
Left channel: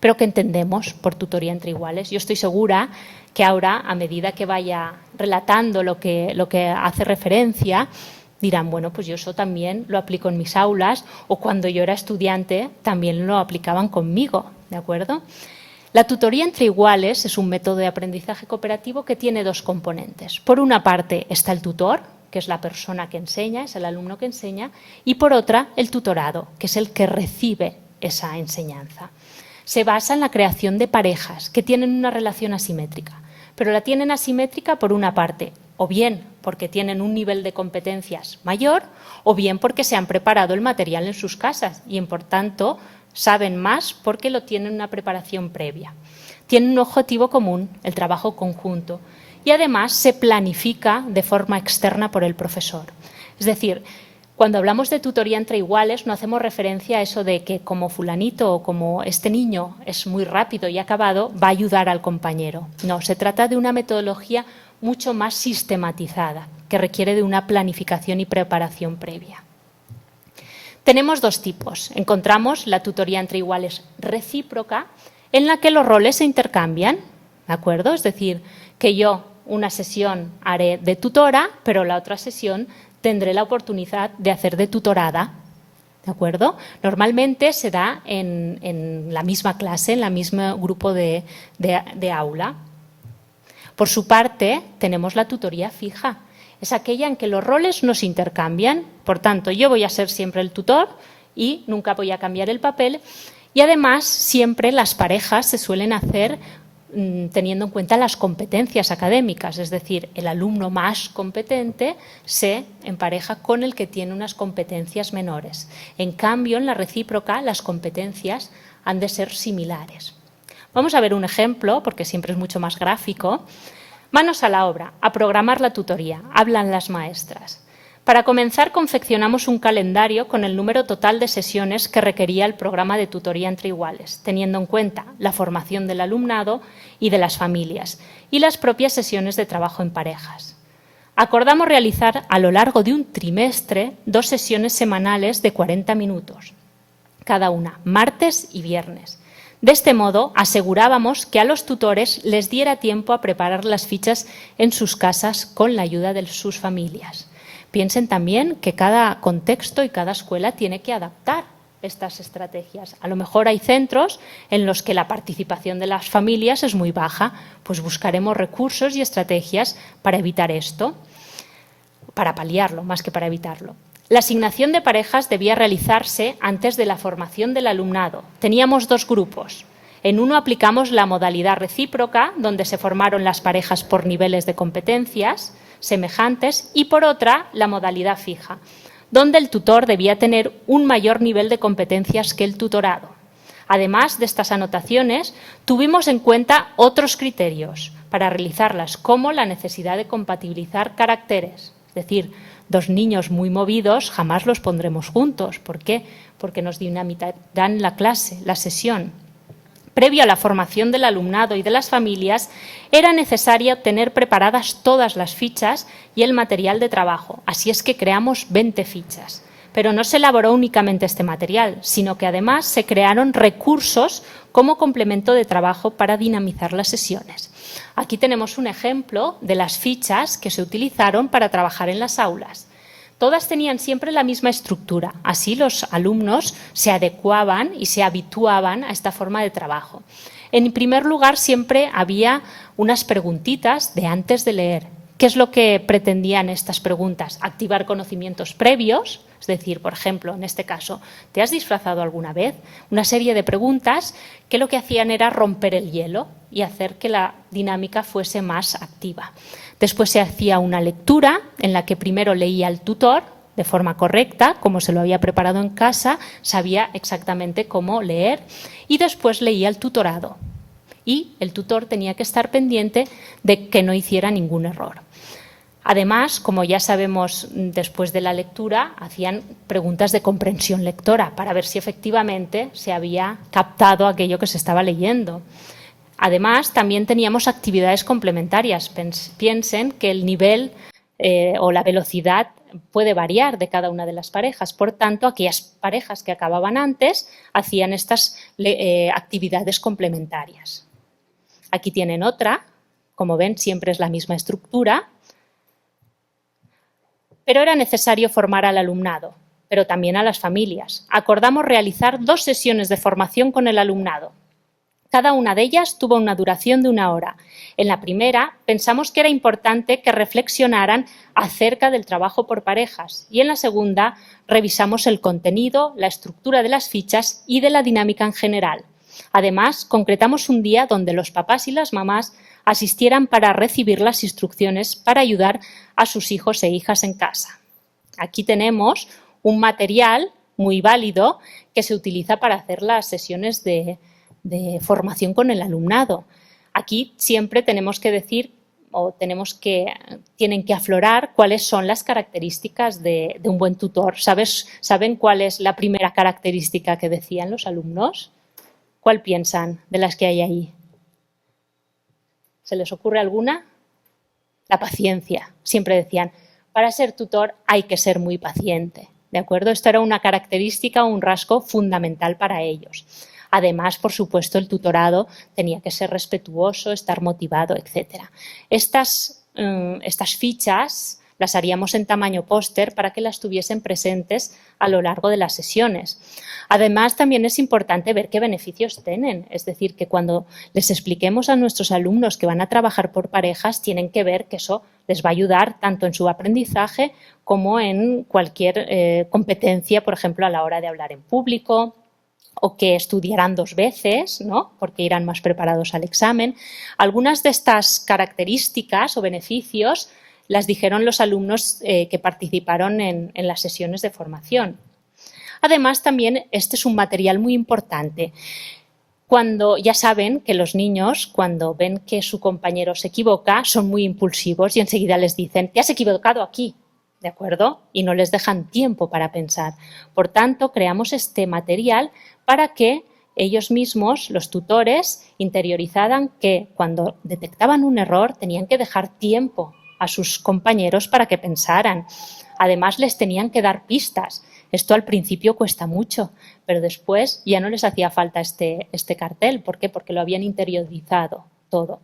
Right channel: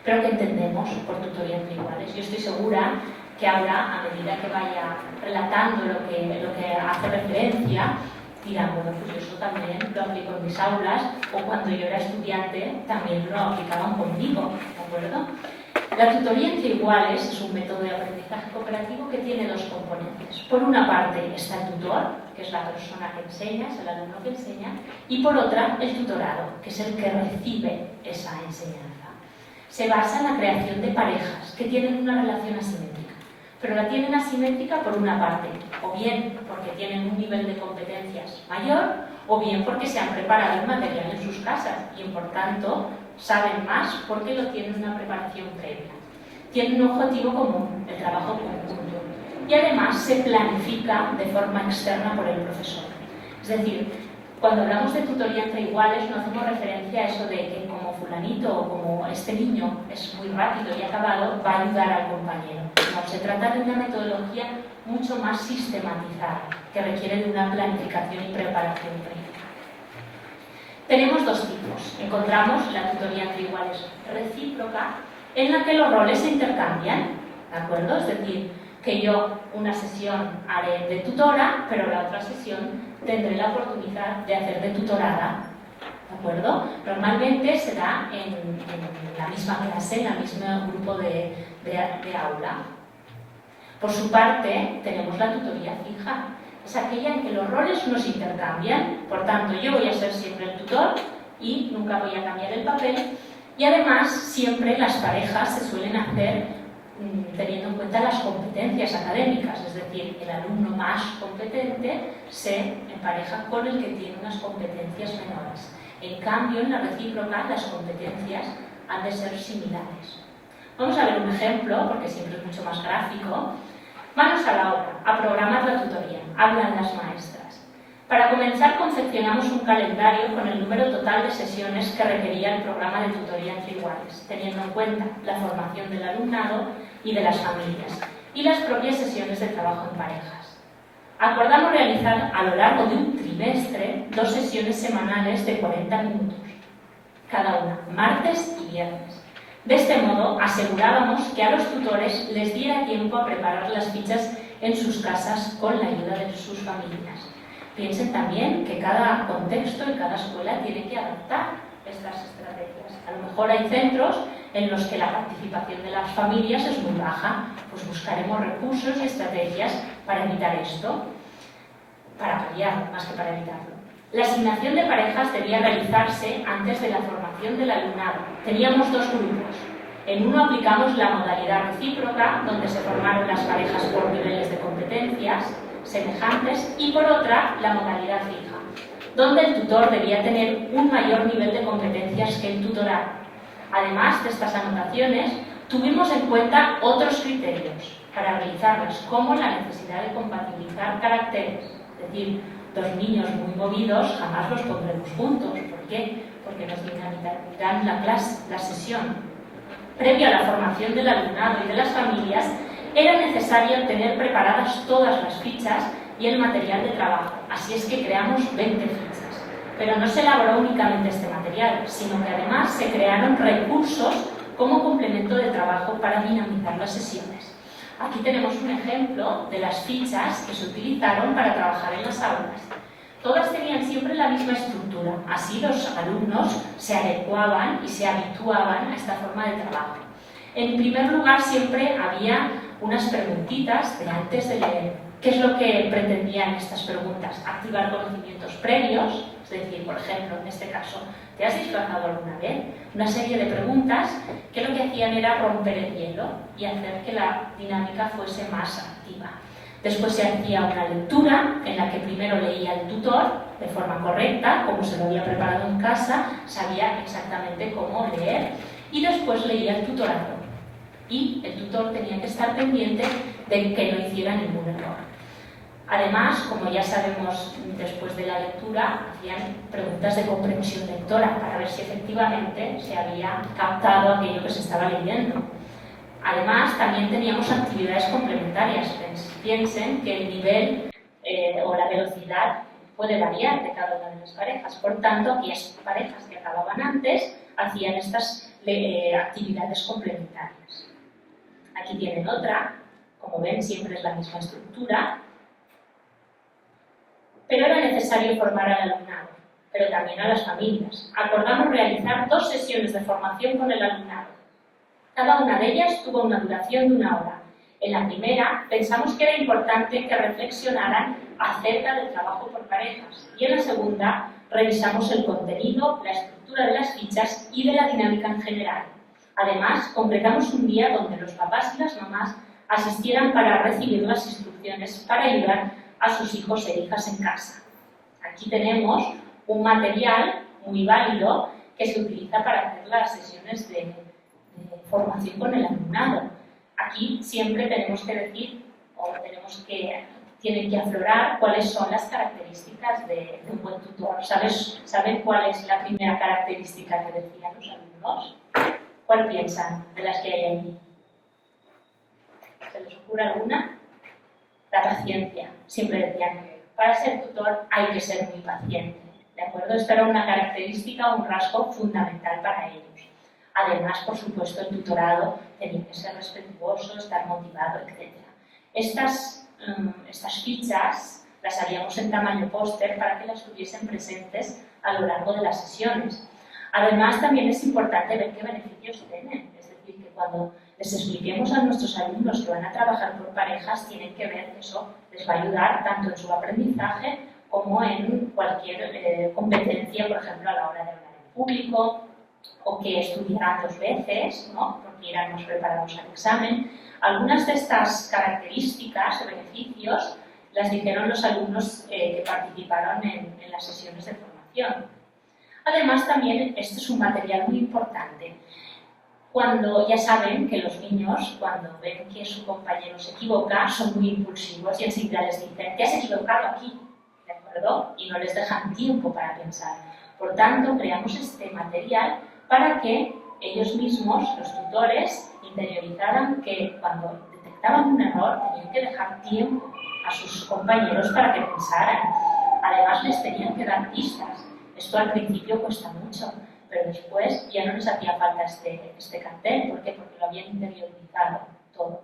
Pero ¿qué entendemos por tutoría entre iguales? Yo estoy segura que ahora, a medida que vaya relatando lo que hace referencia, dirán, bueno, pues yo eso también lo aplico en mis aulas, o cuando yo era estudiante también lo aplicaban conmigo, ¿de acuerdo? La tutoría entre iguales es un método de aprendizaje cooperativo que tiene dos componentes. Por una parte está el tutor, que es la persona que enseña, es el alumno que enseña, y por otra el tutorado, que es el que recibe esa enseñanza. Se basa en la creación de parejas que tienen una relación asimétrica, pero la tienen asimétrica por una parte, o bien porque tienen un nivel de competencias mayor, o bien porque se han preparado el material en sus casas y, por tanto, saben más porque lo tienen una preparación previa. Tienen un objetivo común, el trabajo conjunto, y además se planifica de forma externa por el profesor. Es decir, cuando hablamos de tutoría entre iguales no hacemos referencia a eso de que como fulanito o como este niño es muy rápido y acabado, va a ayudar al compañero. No, se trata de una metodología mucho más sistematizada, que requiere de una planificación y preparación previa. Tenemos dos tipos. Encontramos la tutoría entre iguales recíproca, en la que los roles se intercambian, ¿de acuerdo? Es decir, que yo una sesión haré de tutora, pero la otra sesión tendré la oportunidad de hacer de tutorada, ¿de acuerdo? Normalmente se da en la misma clase, en el mismo grupo de aula. Por su parte, tenemos la tutoría fija. Es aquella en que los roles no se intercambian, por tanto, yo voy a ser siempre el tutor y nunca voy a cambiar el papel. Y además, siempre las parejas se suelen hacer teniendo en cuenta las competencias académicas, es decir, el alumno más competente se empareja con el que tiene unas competencias menores. En cambio, en la recíproca, las competencias han de ser similares. Vamos a ver un ejemplo, porque siempre es mucho más gráfico. Manos a la obra, a programar la tutoría, hablan las maestras. Para comenzar, confeccionamos un calendario con el número total de sesiones que requería el programa de tutoría entre iguales, teniendo en cuenta la formación del alumnado y de las familias y las propias sesiones de trabajo en parejas. Acordamos realizar a lo largo de un trimestre 2 sesiones semanales de 40 minutos, cada una, martes y viernes. De este modo, asegurábamos que a los tutores les diera tiempo a preparar las fichas en sus casas con la ayuda de sus familias. Piensen también que cada contexto y cada escuela tiene que adaptar estas estrategias. A lo mejor hay centros en los que la participación de las familias es muy baja, pues buscaremos recursos y estrategias para evitar esto, para paliarlo más que para evitarlo. La asignación de parejas debía realizarse antes de la formación del alumnado. Teníamos dos grupos. En uno aplicamos la modalidad recíproca, donde se formaron las parejas por niveles de competencias semejantes, y por otra la modalidad fija, donde el tutor debía tener un mayor nivel de competencias que el tutorado. Además de estas anotaciones, tuvimos en cuenta otros criterios para realizarlas, como la necesidad de compatibilizar caracteres. Es decir, dos niños muy movidos jamás los pondremos juntos. ¿Por qué? Porque nos dinamitarán la clase, la sesión. Previo a la formación del alumnado y de las familias, era necesario tener preparadas todas las fichas y el material de trabajo. Así es que creamos 20 fichas. Pero no se elaboró únicamente este material, sino que además se crearon recursos como complemento de trabajo para dinamizar las sesiones. Aquí tenemos un ejemplo de las fichas que se utilizaron para trabajar en las aulas. Todas tenían siempre la misma estructura, así los alumnos se adecuaban y se habituaban a esta forma de trabajo. En primer lugar, siempre había unas preguntitas de antes de leer. ¿Qué es lo que pretendían estas preguntas? Activar conocimientos previos, es decir, por ejemplo, en este caso, ¿te has disfrazado alguna vez? Una serie de preguntas que lo que hacían era romper el hielo y hacer que la dinámica fuese más activa. Después se hacía una lectura en la que primero leía el tutor de forma correcta, como se lo había preparado en casa, sabía exactamente cómo leer, y después leía el tutorado. Y el tutor tenía que estar pendiente de que no hiciera ningún error. Además, como ya sabemos después de la lectura, hacían preguntas de comprensión lectora para ver si efectivamente se había captado aquello que se estaba leyendo. Además, también teníamos actividades complementarias. Piensen que el nivel o la velocidad puede variar de cada una de las parejas. Por tanto, aquellas parejas que acababan antes hacían estas actividades complementarias. Aquí tienen otra. Como ven, siempre es la misma estructura. Pero era necesario formar al alumnado, pero también a las familias. Acordamos realizar 2 sesiones de formación con el alumnado. Cada una de ellas tuvo una duración de 1 hora. En la primera pensamos que era importante que reflexionaran acerca del trabajo por parejas y en la segunda revisamos el contenido, la estructura de las fichas y de la dinámica en general. Además, concretamos un día donde los papás y las mamás asistieran para recibir las instrucciones para ayudar a sus hijos e hijas en casa. Aquí tenemos un material muy válido que se utiliza para hacer las sesiones de formación con el alumnado. Aquí siempre tenemos que decir o tienen que aflorar cuáles son las características de un buen tutor. ¿Saben cuál es la primera característica que decían los alumnos? ¿Cuál piensan de las que hay ahí? ¿Se les ocurre alguna? La paciencia. Siempre decían, para ser tutor hay que ser muy paciente. ¿De acuerdo? Esto era una característica o un rasgo fundamental para ellos. Además, por supuesto, el tutorado tenía que ser respetuoso, estar motivado, etc. Estas fichas las haríamos en tamaño póster para que las tuviesen presentes a lo largo de las sesiones. Además, también es importante ver qué beneficios tienen. Es decir, que cuando les expliquemos a nuestros alumnos que van a trabajar por parejas, tienen que ver que eso les va a ayudar tanto en su aprendizaje como en cualquier competencia, por ejemplo, a la hora de hablar en público, o que estudiarán 2 veces, ¿no? Porque irán más preparados al examen. Algunas de estas características o beneficios las dijeron los alumnos que participaron en las sesiones de formación. Además, también este es un material muy importante. Ya saben que los niños, cuando ven que su compañero se equivoca, son muy impulsivos y enseguida les dicen, te has equivocado aquí, ¿de acuerdo? Y no les dejan tiempo para pensar. Por tanto, creamos este material para que ellos mismos, los tutores, interiorizaran que cuando detectaban un error tenían que dejar tiempo a sus compañeros para que pensaran. Además, les tenían que dar pistas. Esto al principio cuesta mucho, pero después ya no les hacía falta este cartel. ¿Por qué? Porque lo habían interiorizado todo.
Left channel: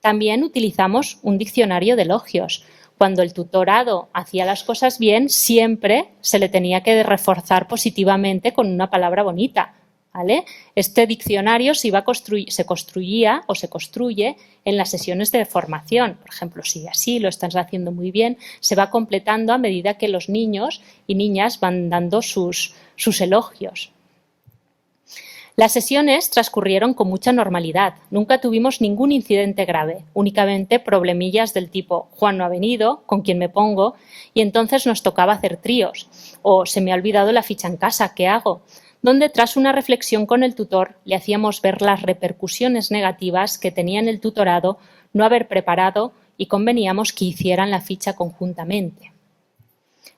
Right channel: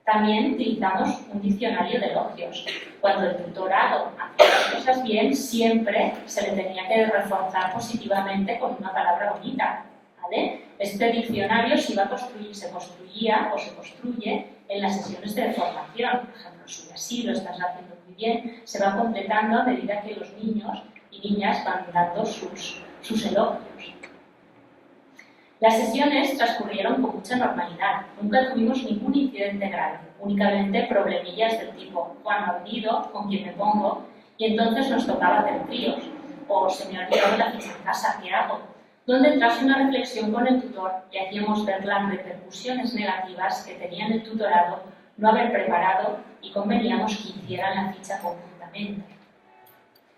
También utilizamos un diccionario de elogios. Cuando el tutorado hacía las cosas bien, siempre se le tenía que reforzar positivamente con una palabra bonita, ¿vale? Este diccionario se construía o se construye en las sesiones de formación. Por ejemplo, si así lo estás haciendo muy bien, se va completando a medida que los niños y niñas van dando sus elogios. Las sesiones transcurrieron con mucha normalidad, nunca tuvimos ningún incidente grave, únicamente problemillas del tipo Juan no ha venido, ¿con quién me pongo? Y entonces nos tocaba hacer tríos, o se me ha olvidado la ficha en casa, ¿qué hago? Donde tras una reflexión con el tutor le hacíamos ver las repercusiones negativas que tenía en el tutorado no haber preparado y conveníamos que hicieran la ficha conjuntamente.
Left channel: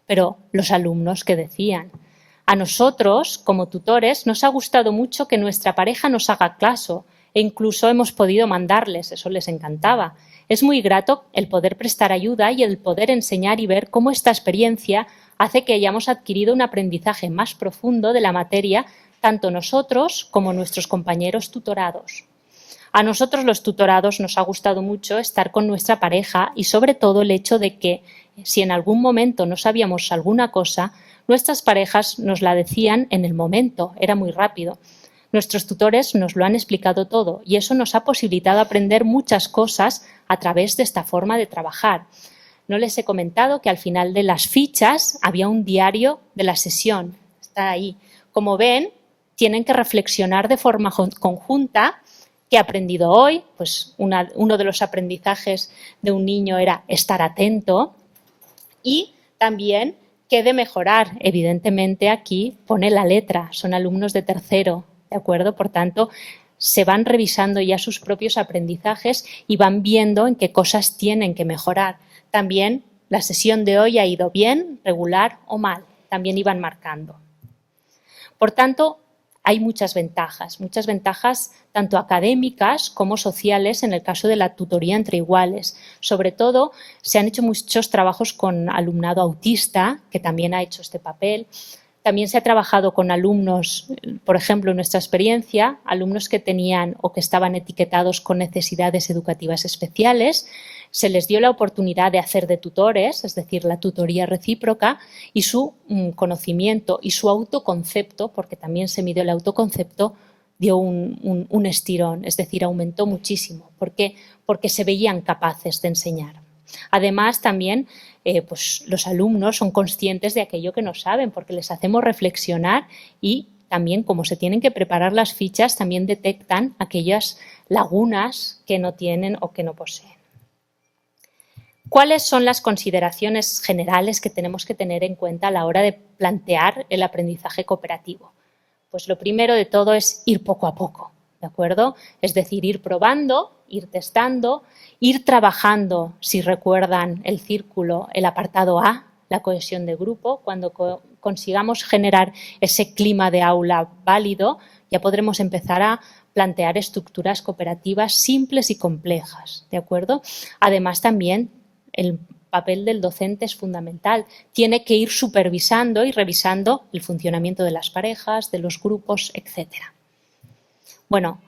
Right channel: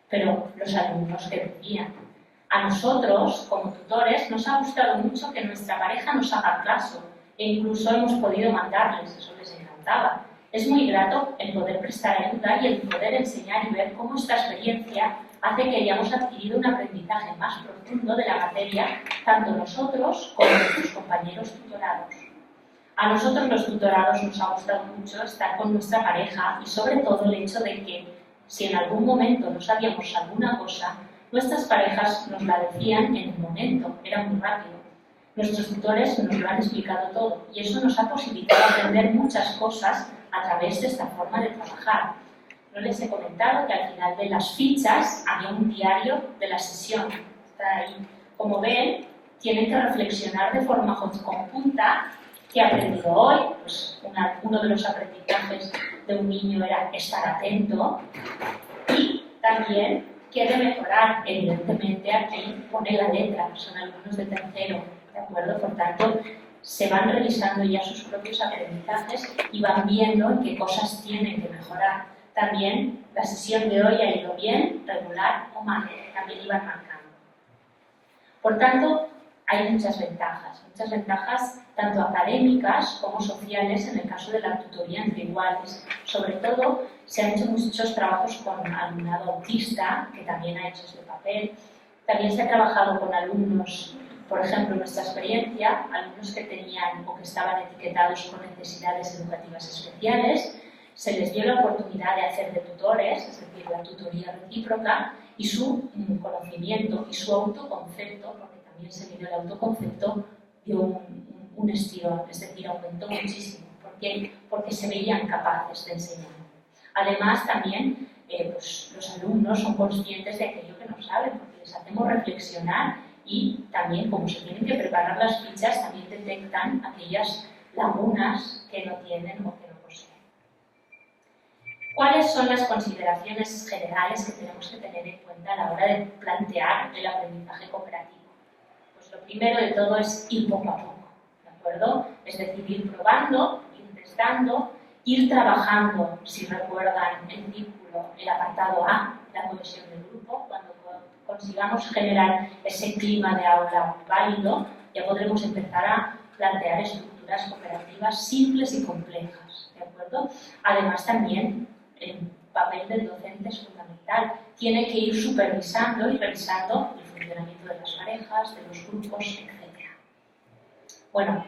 Pero los alumnos, ¿qué decían? A nosotros, como tutores, nos ha gustado mucho que nuestra pareja nos haga caso e incluso hemos podido mandarles, eso les encantaba. Es muy grato el poder prestar ayuda y el poder enseñar y ver cómo esta experiencia hace que hayamos adquirido un aprendizaje más profundo de la materia, tanto nosotros como nuestros compañeros tutorados. A nosotros los tutorados nos ha gustado mucho estar con nuestra pareja y sobre todo el hecho de que si en algún momento no sabíamos alguna cosa, nuestras parejas nos la decían en el momento, era muy rápido. Nuestros tutores nos lo han explicado todo y eso nos ha posibilitado aprender muchas cosas a través de esta forma de trabajar. No les he comentado que al final de las fichas había un diario de la sesión, está ahí. Como ven, tienen que reflexionar de forma conjunta qué he aprendido hoy. Pues uno de los aprendizajes de un niño era estar atento y también qué he de mejorar. Evidentemente aquí pone la letra, son alumnos de tercero, ¿de acuerdo? Por tanto, se van revisando ya sus propios aprendizajes y van viendo en qué cosas tienen que mejorar. También la sesión de hoy ha ido bien, regular o mal, también iban marcando. Por tanto, hay muchas ventajas tanto académicas como sociales en el caso de la tutoría entre iguales. Sobre todo, se han hecho muchos trabajos con alumnado autista, que también ha hecho este papel. También se ha trabajado con alumnos, por ejemplo, en nuestra experiencia, alumnos que tenían o que estaban etiquetados con necesidades educativas especiales. Se les dio la oportunidad de hacer de tutores, es decir, la tutoría recíproca, y su conocimiento y su autoconcepto, porque también se midió el autoconcepto, dio un estirón, es decir, aumentó muchísimo. ¿Por qué? Porque se veían capaces de enseñar. Además, también pues los alumnos son conscientes de aquello que no saben, porque les hacemos reflexionar y también, como se tienen que preparar las fichas, también detectan aquellas lagunas que no tienen o que no poseen. ¿Cuáles son las consideraciones generales que tenemos que tener en cuenta a la hora de plantear el aprendizaje cooperativo? Pues lo primero de todo es ir poco a poco, ¿de acuerdo? Es decir, ir probando, ir testando, ir trabajando, si recuerdan el círculo, el apartado A, la cohesión de grupo. Cuando consigamos generar ese clima de aula válido, ya podremos empezar a plantear estructuras cooperativas simples y complejas, ¿de acuerdo? Además, también el papel del docente es fundamental. Tiene que ir supervisando y revisando el funcionamiento de las parejas, de los grupos, etc. Bueno,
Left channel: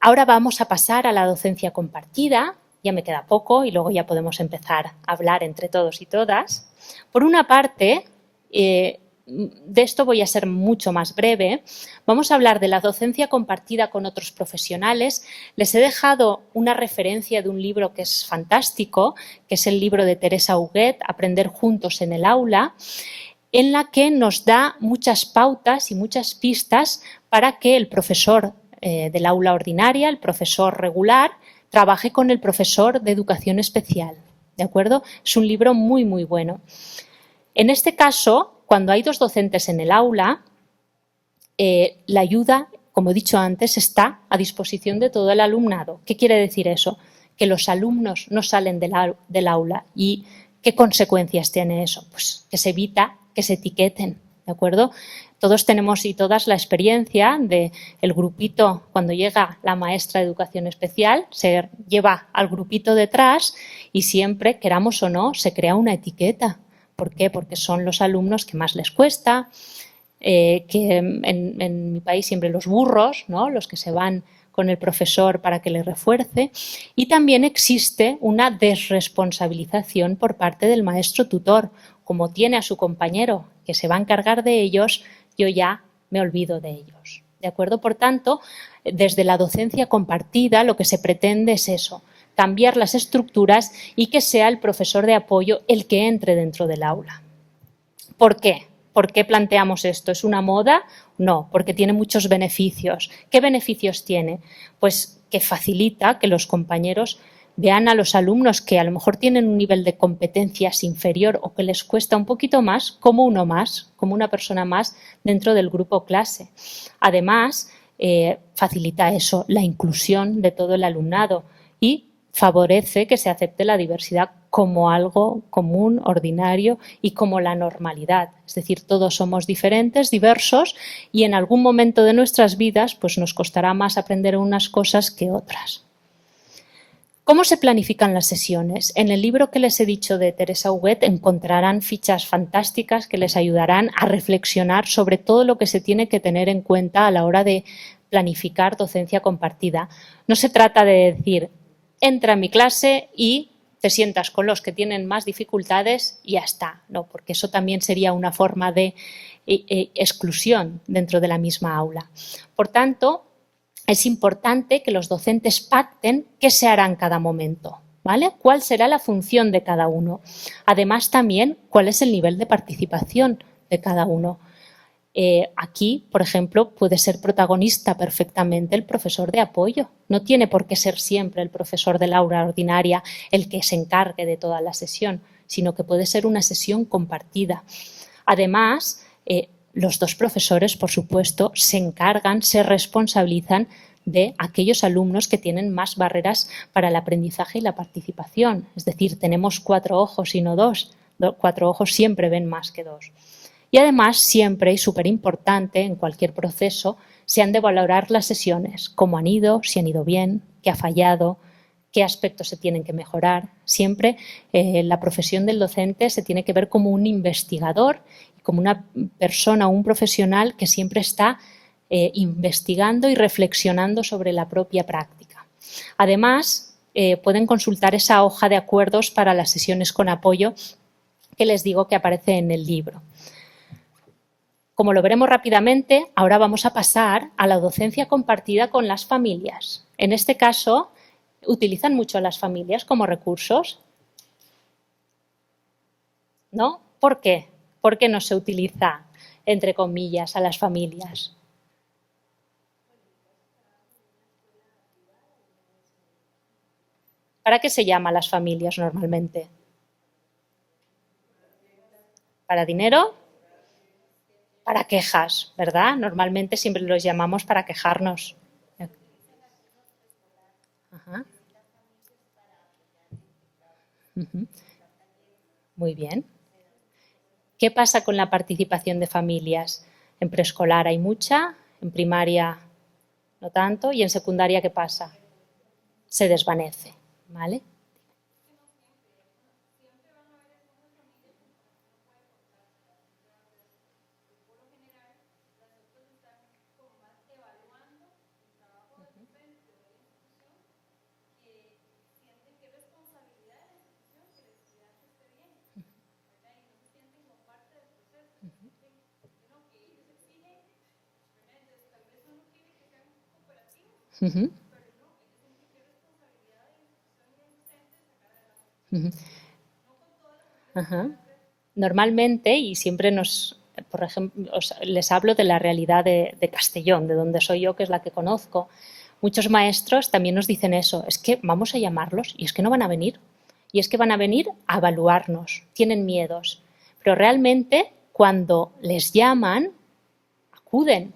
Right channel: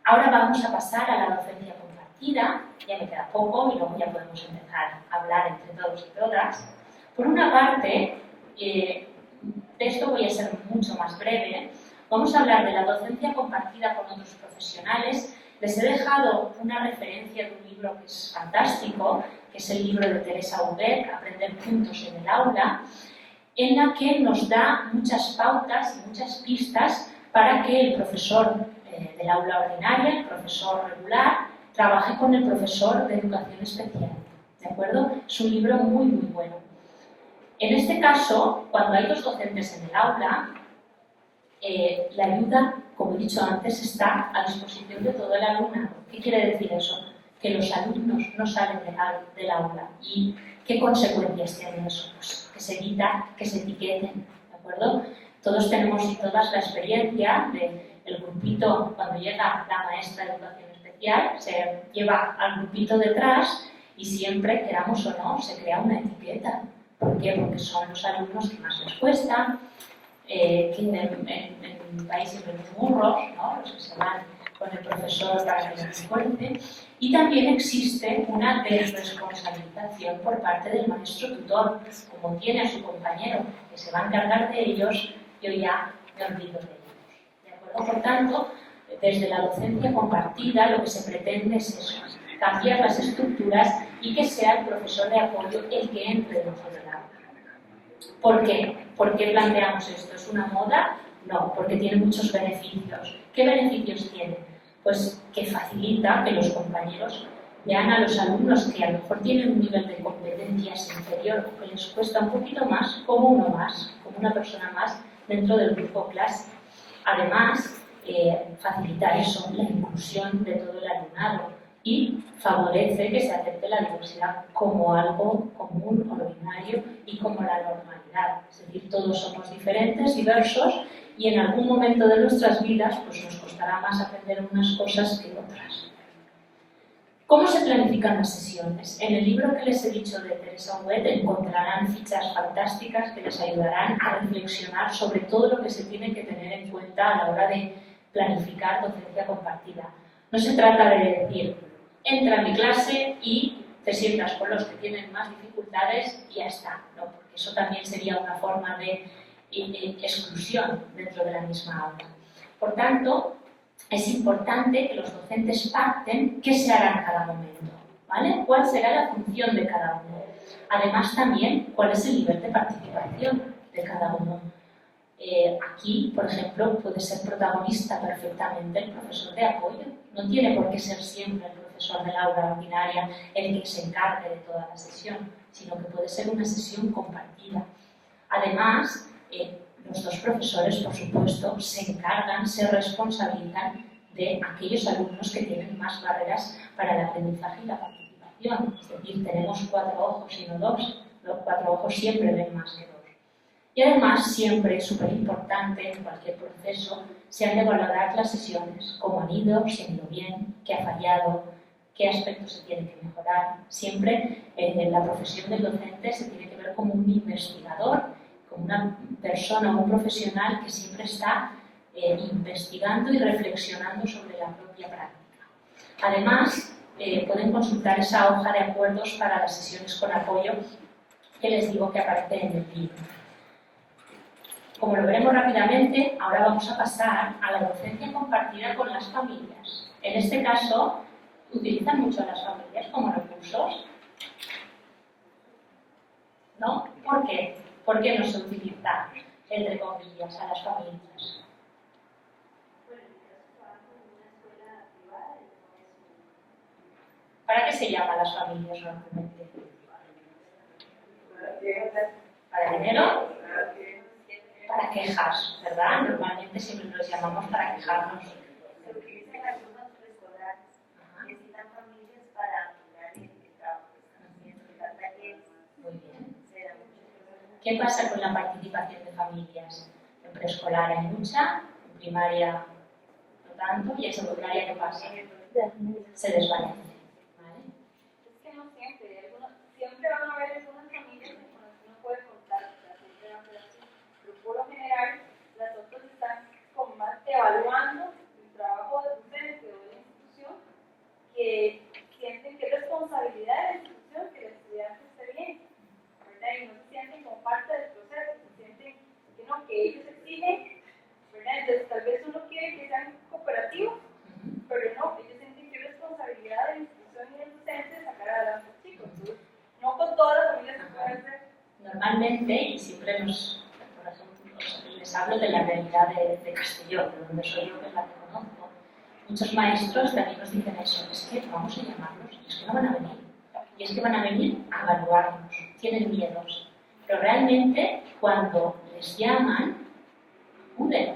ahora vamos a pasar a la docencia compartida. Ya me queda poco y luego ya podemos empezar a hablar entre todos y todas. Por una parte, de esto voy a ser mucho más breve. Vamos a hablar de la docencia compartida con otros profesionales. Les he dejado una referencia de un libro que es fantástico, que es el libro de Teresa Huguet, Aprender juntos en el aula, en la que nos da muchas pautas y muchas pistas para que el profesor del aula ordinaria, el profesor regular, trabaje con el profesor de educación especial. ¿De acuerdo? Es un libro muy, muy bueno. En este caso, cuando hay dos docentes en el aula, la ayuda, como he dicho antes, está a disposición de todo el alumnado. ¿Qué quiere decir eso? Que los alumnos no salen del aula. ¿Y qué consecuencias tiene eso? Pues que se evita que se etiqueten, ¿de acuerdo? Todos tenemos y todas la experiencia del grupito, cuando llega la maestra de educación especial, se lleva al grupito detrás y siempre, queramos o no, se crea una etiqueta. ¿Por qué? Porque son los alumnos que más les cuesta. que en mi país siempre los burros, ¿no? Los que se van con el profesor para que les refuerce, y también existe una desresponsabilización por parte del maestro tutor. Como tiene a su compañero que se va a encargar de ellos, yo ya me olvido de ellos. ¿De acuerdo? Por tanto, desde la docencia compartida lo que se pretende es eso, cambiar las estructuras y que sea el profesor de apoyo el que entre dentro del aula. ¿Por qué? ¿Por qué planteamos esto? ¿Es una moda? No, porque tiene muchos beneficios. ¿Qué beneficios tiene? Pues que facilita que los compañeros vean a los alumnos que a lo mejor tienen un nivel de competencias inferior o que les cuesta un poquito más, como uno más, como una persona más dentro del grupo clase. Además, facilita eso, la inclusión de todo el alumnado y favorece que se acepte la diversidad como algo común, ordinario y como la normalidad. Es decir, todos somos diferentes, diversos y en algún momento de nuestras vidas pues nos costará más aprender unas cosas que otras. ¿Cómo se planifican las sesiones? En el libro que les he dicho de Teresa Huguet encontrarán fichas fantásticas que les ayudarán a reflexionar sobre todo lo que se tiene que tener en cuenta a la hora de planificar docencia compartida. No se trata de decir, entra en mi clase y te sientas con los que tienen más dificultades y ya está. No, porque eso también sería una forma de exclusión dentro de la misma aula. Por tanto, es importante que los docentes pacten qué se hará en cada momento, ¿vale? ¿Cuál será la función de cada uno? Además, también, cuál es el nivel de participación de cada uno. Aquí, por ejemplo, puede ser protagonista perfectamente el profesor de apoyo. No tiene por qué ser siempre el profesor del aula ordinaria el que se encargue de toda la sesión, sino que puede ser una sesión compartida. Además, los dos profesores, por supuesto, se encargan, se responsabilizan de aquellos alumnos que tienen más barreras para el aprendizaje y la participación. Es decir, tenemos 4 ojos y no 2. 4 ojos siempre ven más que 2. Y además, siempre, súper importante, en cualquier proceso, se han de valorar las sesiones, cómo han ido, si han ido bien, qué ha fallado, qué aspectos se tienen que mejorar. Siempre la profesión del docente se tiene que ver como un investigador, como una persona, un profesional que siempre está investigando y reflexionando sobre la propia práctica. Además, pueden consultar esa hoja de acuerdos para las sesiones con apoyo que les digo que aparece en el libro. Como lo veremos rápidamente, ahora vamos a pasar a la docencia compartida con las familias. En este caso, ¿utilizan mucho a las familias como recursos? ¿No? ¿Por qué? ¿Por qué no se utiliza, entre comillas, a las familias? ¿Para qué se llama a las familias normalmente? ¿Para dinero? Para quejas, ¿verdad? Normalmente siempre los llamamos para quejarnos. Ajá. Muy bien. ¿Qué pasa con la participación de familias? En preescolar hay mucha, en primaria no tanto, y en secundaria ¿qué pasa? Se desvanece, ¿vale? Evaluando el trabajo del docente o de la institución, que sienten que es responsabilidad de la institución que el estudiante esté bien, ¿verdad? Y no se sienten como parte del proceso, se sienten que no, que ellos exigen, ¿verdad? Entonces tal vez uno quiere que sean cooperativos, pero no, ellos sienten que es responsabilidad de la institución y del docente sacar adelante a los chicos. No con todas las familias se puede hacer. Normalmente, y siempre por ejemplo, les hablo de la realidad de Castellón, de donde soy yo, que es la que conozco. Muchos maestros también nos dicen eso, es que vamos a llamarlos y es que no van a venir. Y es que van a venir a evaluarnos, tienen miedos. Pero realmente, cuando les llaman, acuden.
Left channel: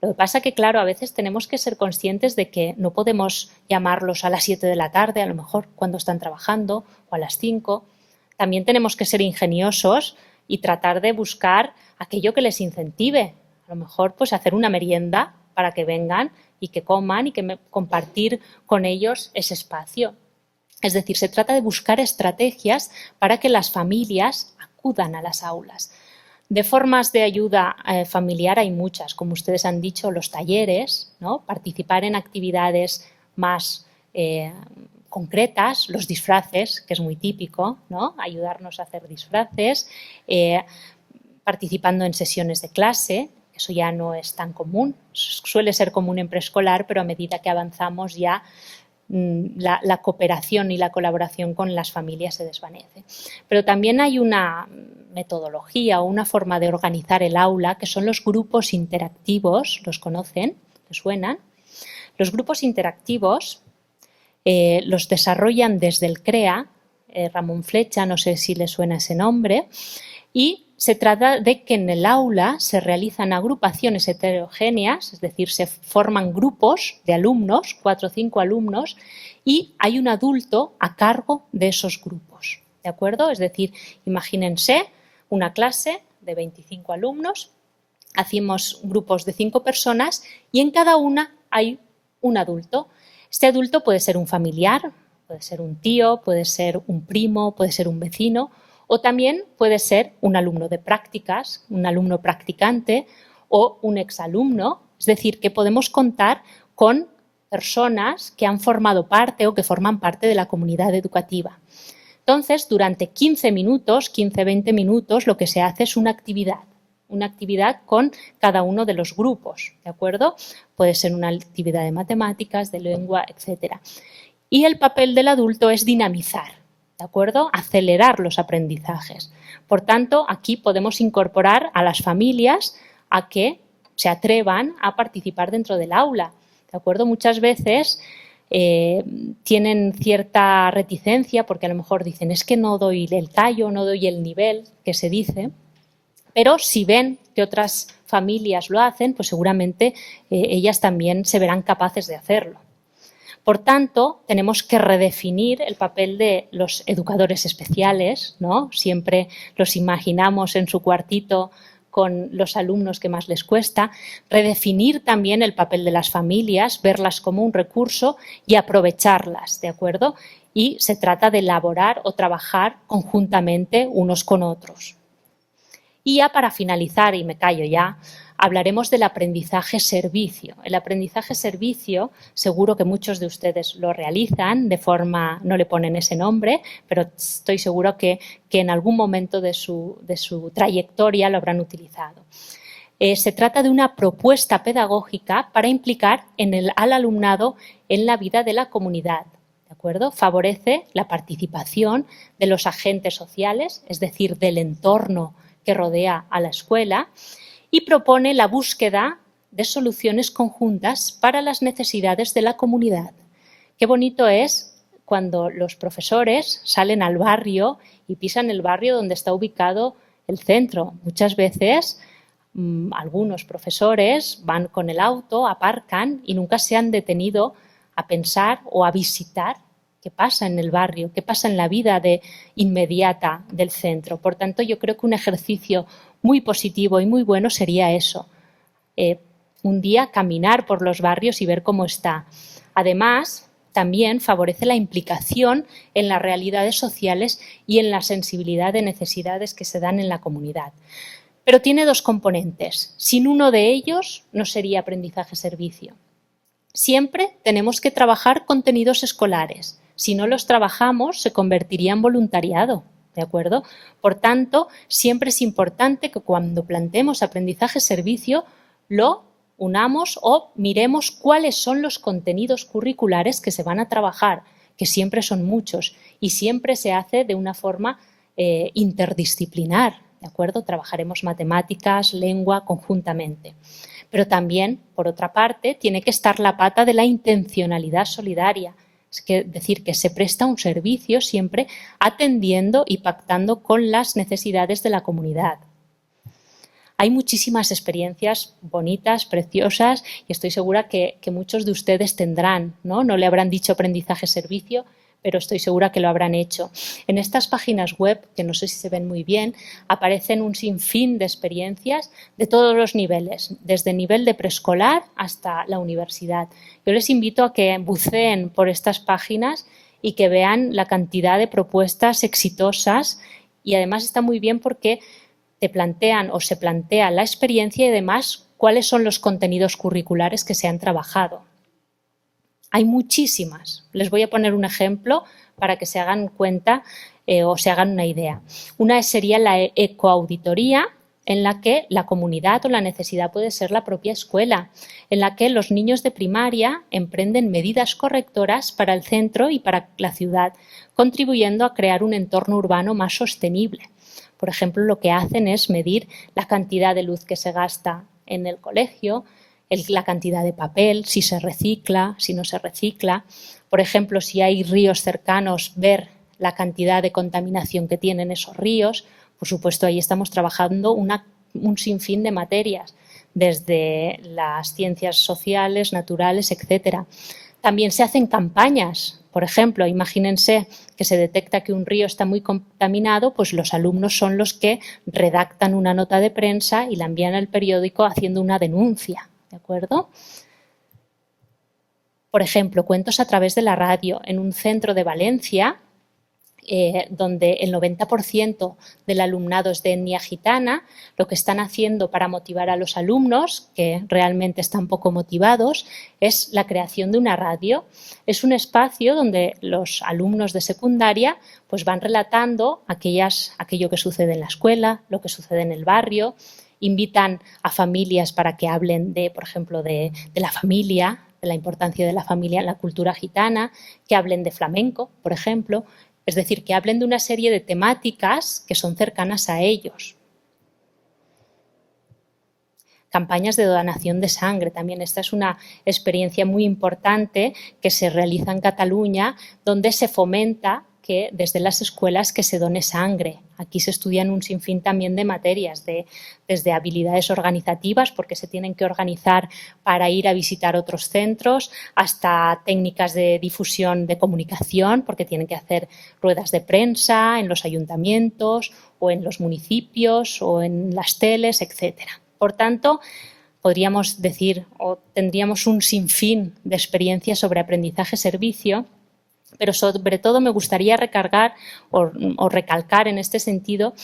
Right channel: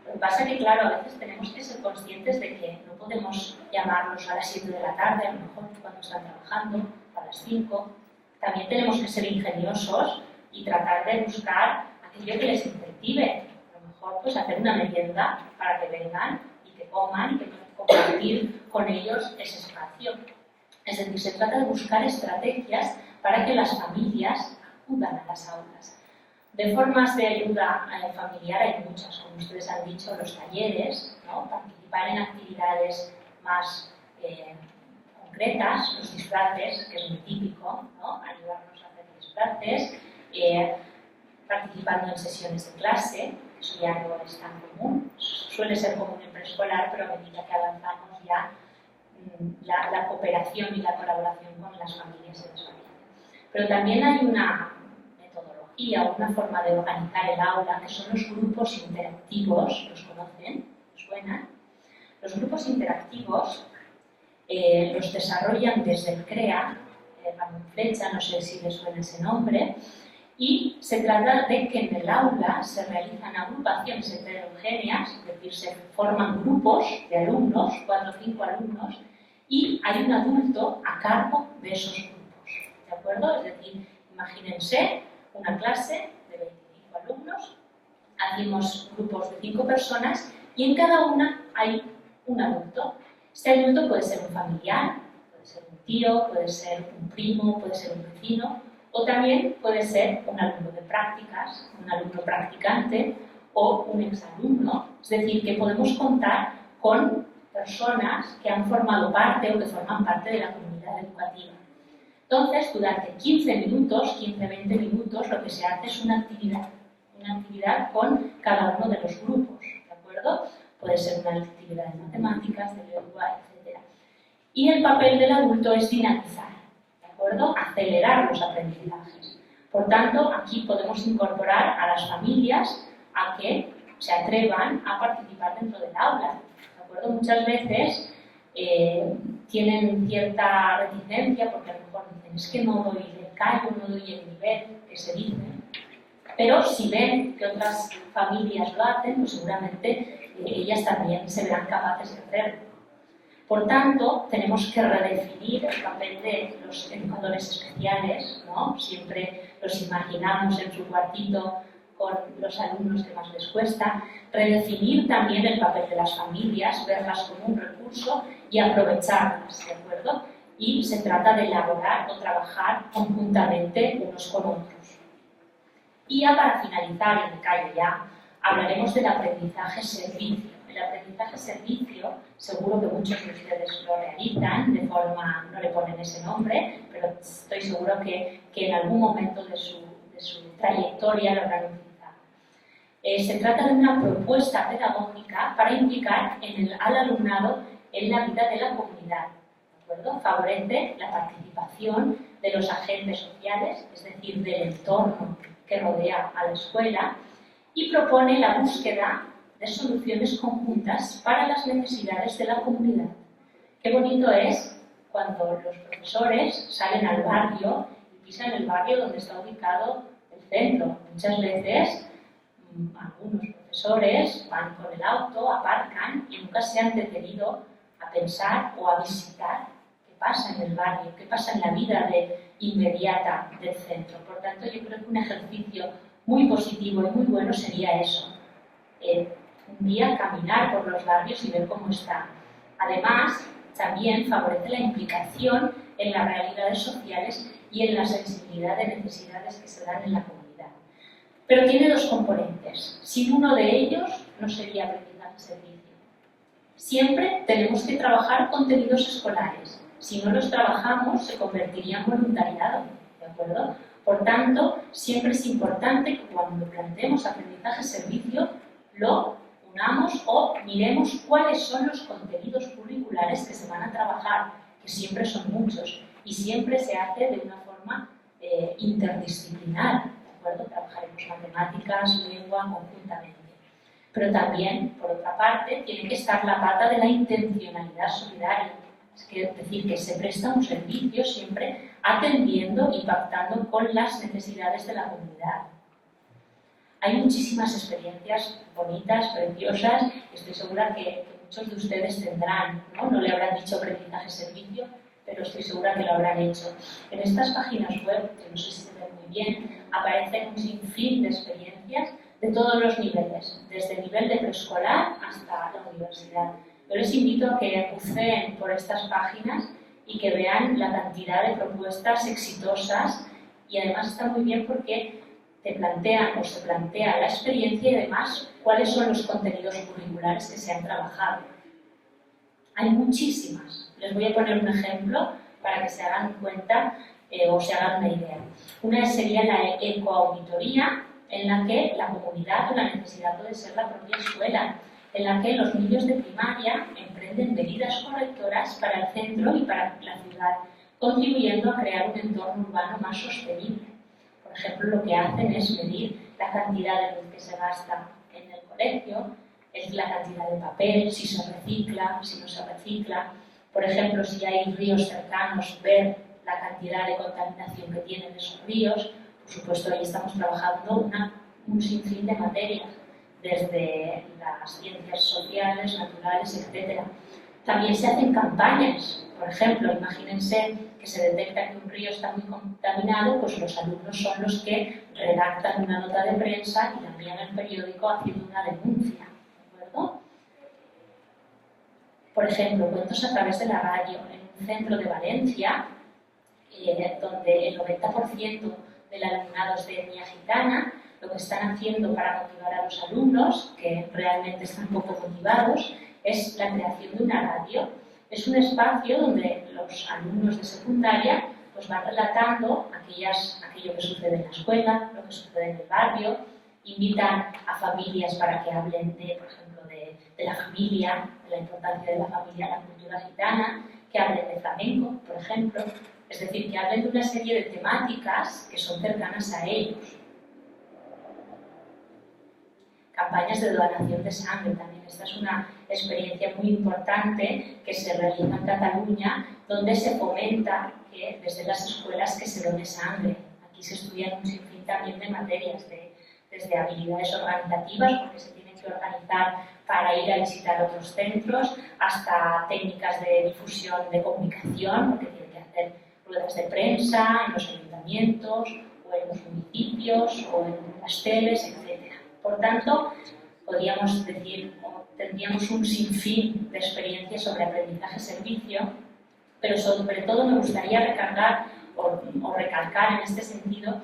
Lo que pasa que, claro, a veces tenemos que ser conscientes de que no podemos llamarlos a las 7 de la tarde, a lo mejor cuando están trabajando, o a las 5. También tenemos que ser ingeniosos y tratar de buscar aquello que les incentive. A lo mejor pues hacer una merienda para que vengan y que coman y que compartir con ellos ese espacio. Es decir, se trata de buscar estrategias para que las familias acudan a las aulas. De formas de ayuda familiar hay muchas, como ustedes han dicho, los talleres, ¿no? Participar en actividades más concretas, los disfraces, que es muy típico, ¿no? Ayudarnos a hacer disfraces, participando en sesiones de clase, eso ya no es tan común, suele ser común en preescolar, pero a medida que avanzamos ya la cooperación y la colaboración con las familias se desvanece. Pero también hay una metodología o una forma de organizar el aula que son los grupos interactivos, ¿los conocen? ¿Les suenan? Los grupos interactivos los desarrollan desde el CREA, Ramón Flecha, no sé si les suena ese nombre, y se trata de que en el aula se realizan agrupaciones heterogéneas, es decir, se forman grupos de alumnos, 4 o 5 alumnos, y hay un adulto a cargo de esos grupos, ¿de acuerdo? Es decir, imagínense una clase de 25 alumnos, hacemos grupos de 5 personas y en cada una hay un adulto. Este adulto puede ser un familiar, puede ser un tío, puede ser un primo, puede ser un vecino o también puede ser un alumno de prácticas, un alumno practicante o un exalumno. Es decir, que podemos contar con personas que han formado parte o que forman parte de la comunidad educativa. Entonces, durante 15 minutos, 15-20 minutos, lo que se hace es una actividad con cada uno de los grupos, ¿de acuerdo? Puede ser una actividad de matemáticas, de lengua, etc. Y el papel del adulto es dinamizar, ¿de acuerdo? Acelerar los aprendizajes. Por tanto, aquí podemos incorporar a las familias a que se atrevan a participar dentro del aula, ¿de acuerdo? Muchas veces tienen cierta reticencia porque a lo mejor dicen es que no doy el tallo, no doy el nivel que se dice, pero si ven que otras familias lo hacen, pues seguramente ellas también se verán capaces de hacerlo. Por tanto, tenemos que redefinir el papel de los educadores especiales, ¿no? Siempre los imaginamos en su cuartito con los alumnos que más les cuesta, redefinir también el papel de las familias, verlas como un recurso y aprovecharlas, ¿de acuerdo? Y se trata de elaborar o trabajar conjuntamente unos con otros. Y ya para finalizar, y me callo ya, hablaremos del aprendizaje-servicio. El aprendizaje-servicio, seguro que muchos de ustedes lo realizan de forma, no le ponen ese nombre, pero estoy seguro que en algún momento de su trayectoria lo habrán utilizado. Se trata de una propuesta pedagógica para implicar al alumnado en la vida de la comunidad, ¿de acuerdo? Favorece la participación de los agentes sociales, es decir, del entorno que rodea a la escuela, y propone la búsqueda de soluciones conjuntas para las necesidades de la comunidad. Qué bonito es cuando los profesores salen al barrio y pisan el barrio donde está ubicado el centro. Muchas veces algunos profesores van con el auto, aparcan y nunca se han detenido a pensar o a visitar qué pasa en el barrio, qué pasa en la vida inmediata del centro. Por tanto, yo creo que un ejercicio muy positivo y muy bueno sería eso, un día caminar por los barrios y ver cómo está. Además, también favorece la implicación en las realidades sociales y en la sensibilidad de necesidades que se dan en la comunidad. Pero tiene 2 componentes. Sin uno de ellos no sería aprendizaje-servicio. Siempre tenemos que trabajar contenidos escolares. Si no los trabajamos, se convertiría en voluntariado, ¿de acuerdo? Por tanto, siempre es importante que cuando planteemos aprendizaje-servicio lo unamos o miremos cuáles son los contenidos curriculares que se van a trabajar, que siempre son muchos y siempre se hace de una forma interdisciplinar, ¿de acuerdo? Trabajaremos matemáticas, lengua conjuntamente. Pero también, por otra parte, tiene que estar la pata de la intencionalidad solidaria, es decir, que se presta un servicio siempre atendiendo y pactando con las necesidades de la comunidad. Hay muchísimas experiencias bonitas, preciosas, y estoy segura que muchos de ustedes tendrán, ¿no? No le habrán dicho aprendizaje-servicio, pero estoy segura que lo habrán hecho. En estas páginas web, que no sé si se ven muy bien, aparecen un sinfín de experiencias de todos los niveles, desde el nivel de preescolar hasta la universidad. Yo les invito a que buceen por estas páginas y que vean la cantidad de propuestas exitosas, y además está muy bien porque te plantean o se plantea la experiencia y además cuáles son los contenidos curriculares que se han trabajado. Hay muchísimas. Les voy a poner un ejemplo para que se hagan cuenta o se hagan una idea. Una sería la ecoauditoría, en la que la comunidad o la necesidad puede ser la propia escuela, en la que los niños de primaria emprenden medidas correctoras para el centro y para la ciudad, contribuyendo a crear un entorno urbano más sostenible. Por ejemplo, lo que hacen es medir la cantidad de luz que se gasta en el colegio, la cantidad de papel, si se recicla, si no se recicla. Por ejemplo, si hay ríos cercanos, ver la cantidad de contaminación que tienen esos ríos. Por supuesto, ahí estamos trabajando un sinfín de materias, desde las ciencias sociales, naturales, etc. También se hacen campañas. Por ejemplo, imagínense que se detecta que un río está muy contaminado, pues los alumnos son los que redactan una nota de prensa y la envían al periódico haciendo una denuncia, ¿de acuerdo? Por ejemplo, cuentos a través de la radio. En un centro de Valencia, donde el 90% del alumnado es de etnia gitana, lo que están haciendo para motivar a los alumnos, que realmente están poco motivados, es la creación de una radio. Es un espacio donde los alumnos de secundaria pues van relatando aquello que sucede en la escuela, lo que sucede en el barrio. Invitan a familias para que hablen por ejemplo, de la familia, de la importancia de la familia en la cultura gitana, que hablen de flamenco, por ejemplo. Es decir, que hablen de una serie de temáticas que son cercanas a ellos. Campañas de donación de sangre también. Esta es una experiencia muy importante que se realiza en Cataluña, donde se fomenta que desde las escuelas que se done sangre. Aquí se estudian un sinfín también de materias, desde habilidades organizativas, porque se tienen que organizar para ir a visitar otros centros, hasta técnicas de difusión de comunicación, porque tienen que hacer ruedas de prensa en los ayuntamientos o en los municipios o en las teles, etcétera. Por tanto, podríamos decir o tendríamos un sinfín de experiencias sobre aprendizaje-servicio, pero sobre todo me gustaría recalcar en este sentido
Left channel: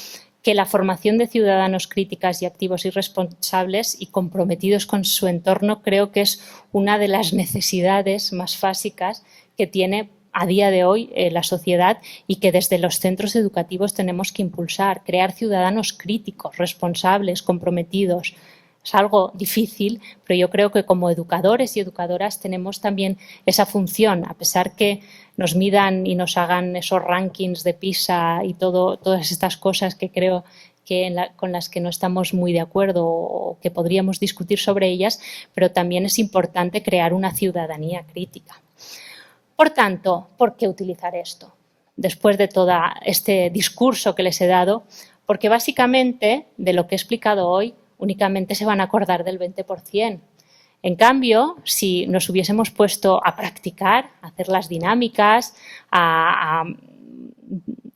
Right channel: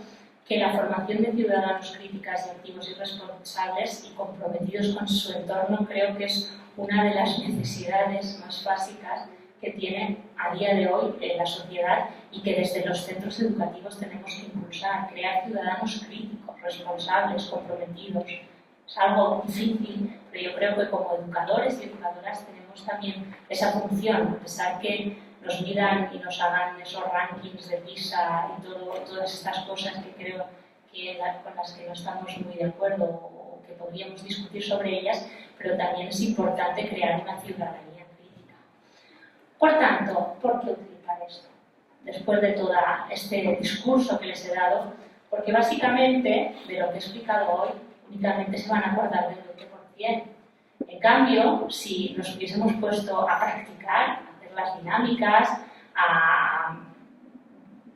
que la formación de ciudadanos críticas y activos y responsables y comprometidos con su entorno creo que es una de las necesidades más básicas que tiene a día de hoy la sociedad y que desde los centros educativos tenemos que impulsar, crear ciudadanos críticos, responsables, comprometidos. Es algo difícil, pero yo creo que como educadores y educadoras tenemos también esa función, a pesar que nos midan y nos hagan esos rankings de PISA y todas estas cosas que creo que con las que no estamos muy de acuerdo o que podríamos discutir sobre ellas, pero también es importante crear una ciudadanía crítica. Por tanto, ¿por qué utilizar esto? Después de todo este discurso que les he dado, porque básicamente de lo que he explicado hoy únicamente se van a acordar del 20%. En cambio, si nos hubiésemos puesto a practicar, a hacer las dinámicas, a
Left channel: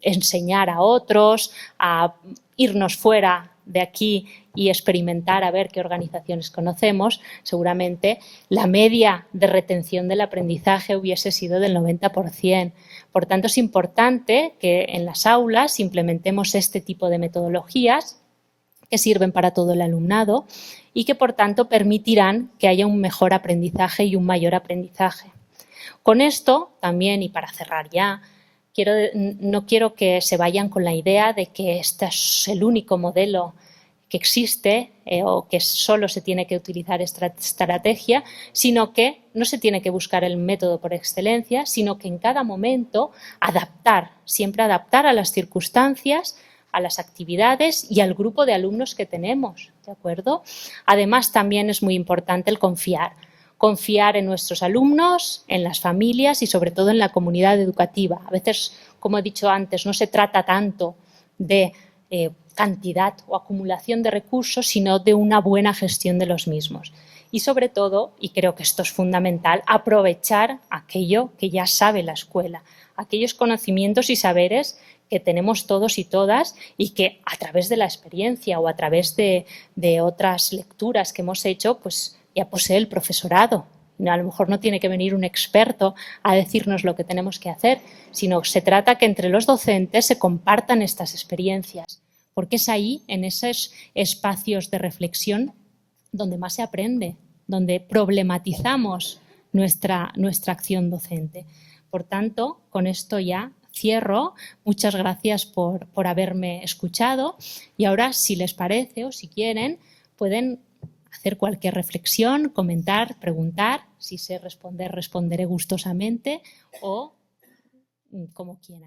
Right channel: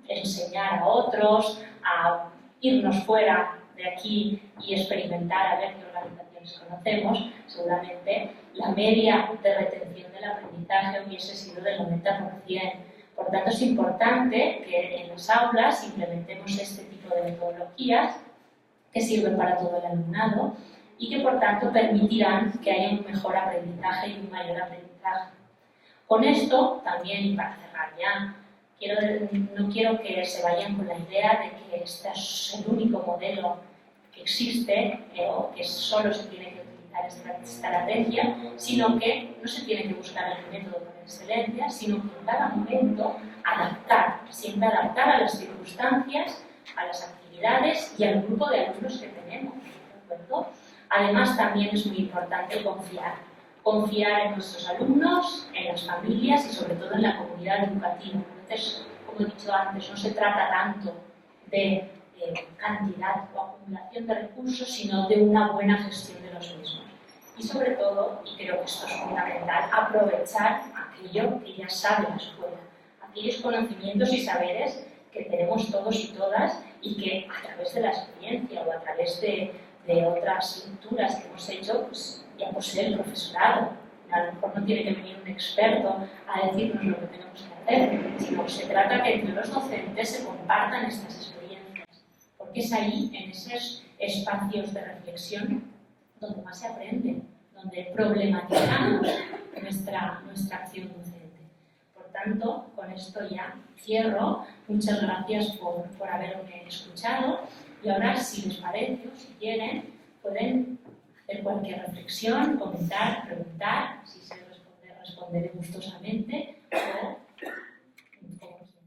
enseñar a otros, a irnos fuera de aquí y experimentar a ver qué organizaciones conocemos, seguramente la media de retención del aprendizaje hubiese sido del 90%. Por tanto, es importante que en las aulas implementemos este tipo de metodologías que sirven para todo el alumnado y que, por tanto, permitirán que haya un mejor aprendizaje y un mayor aprendizaje. Con esto, también, y para cerrar ya, no quiero que se vayan con la idea de que este es el único modelo que existe o que solo se tiene que utilizar esta estrategia, sino que no se tiene que buscar el método por excelencia, sino que en cada momento siempre adaptar a las circunstancias, a las actividades y al grupo de alumnos que tenemos, ¿de acuerdo? Además, también es muy importante el confiar en nuestros alumnos, en las familias y sobre todo en la comunidad educativa. A veces, como he dicho antes, no se trata tanto de cantidad o acumulación de recursos, sino de una buena gestión de los mismos. Y sobre todo, y creo que esto es fundamental, aprovechar aquello que ya sabe la escuela, aquellos conocimientos y saberes que tenemos todos y todas y que a través de la experiencia o a través de otras lecturas que hemos hecho, pues ya posee el profesorado. A lo mejor no tiene que venir un experto a decirnos lo que tenemos que hacer, sino se trata que entre los docentes se compartan estas experiencias. porque es ahí, en esos espacios de reflexión, donde más se aprende, donde problematizamos nuestra acción docente. Por tanto, con esto ya cierro. Muchas gracias por haberme escuchado y ahora, si les parece o si quieren, pueden hacer cualquier reflexión, comentar, preguntar. Si sé responder, responderé gustosamente o como quieran.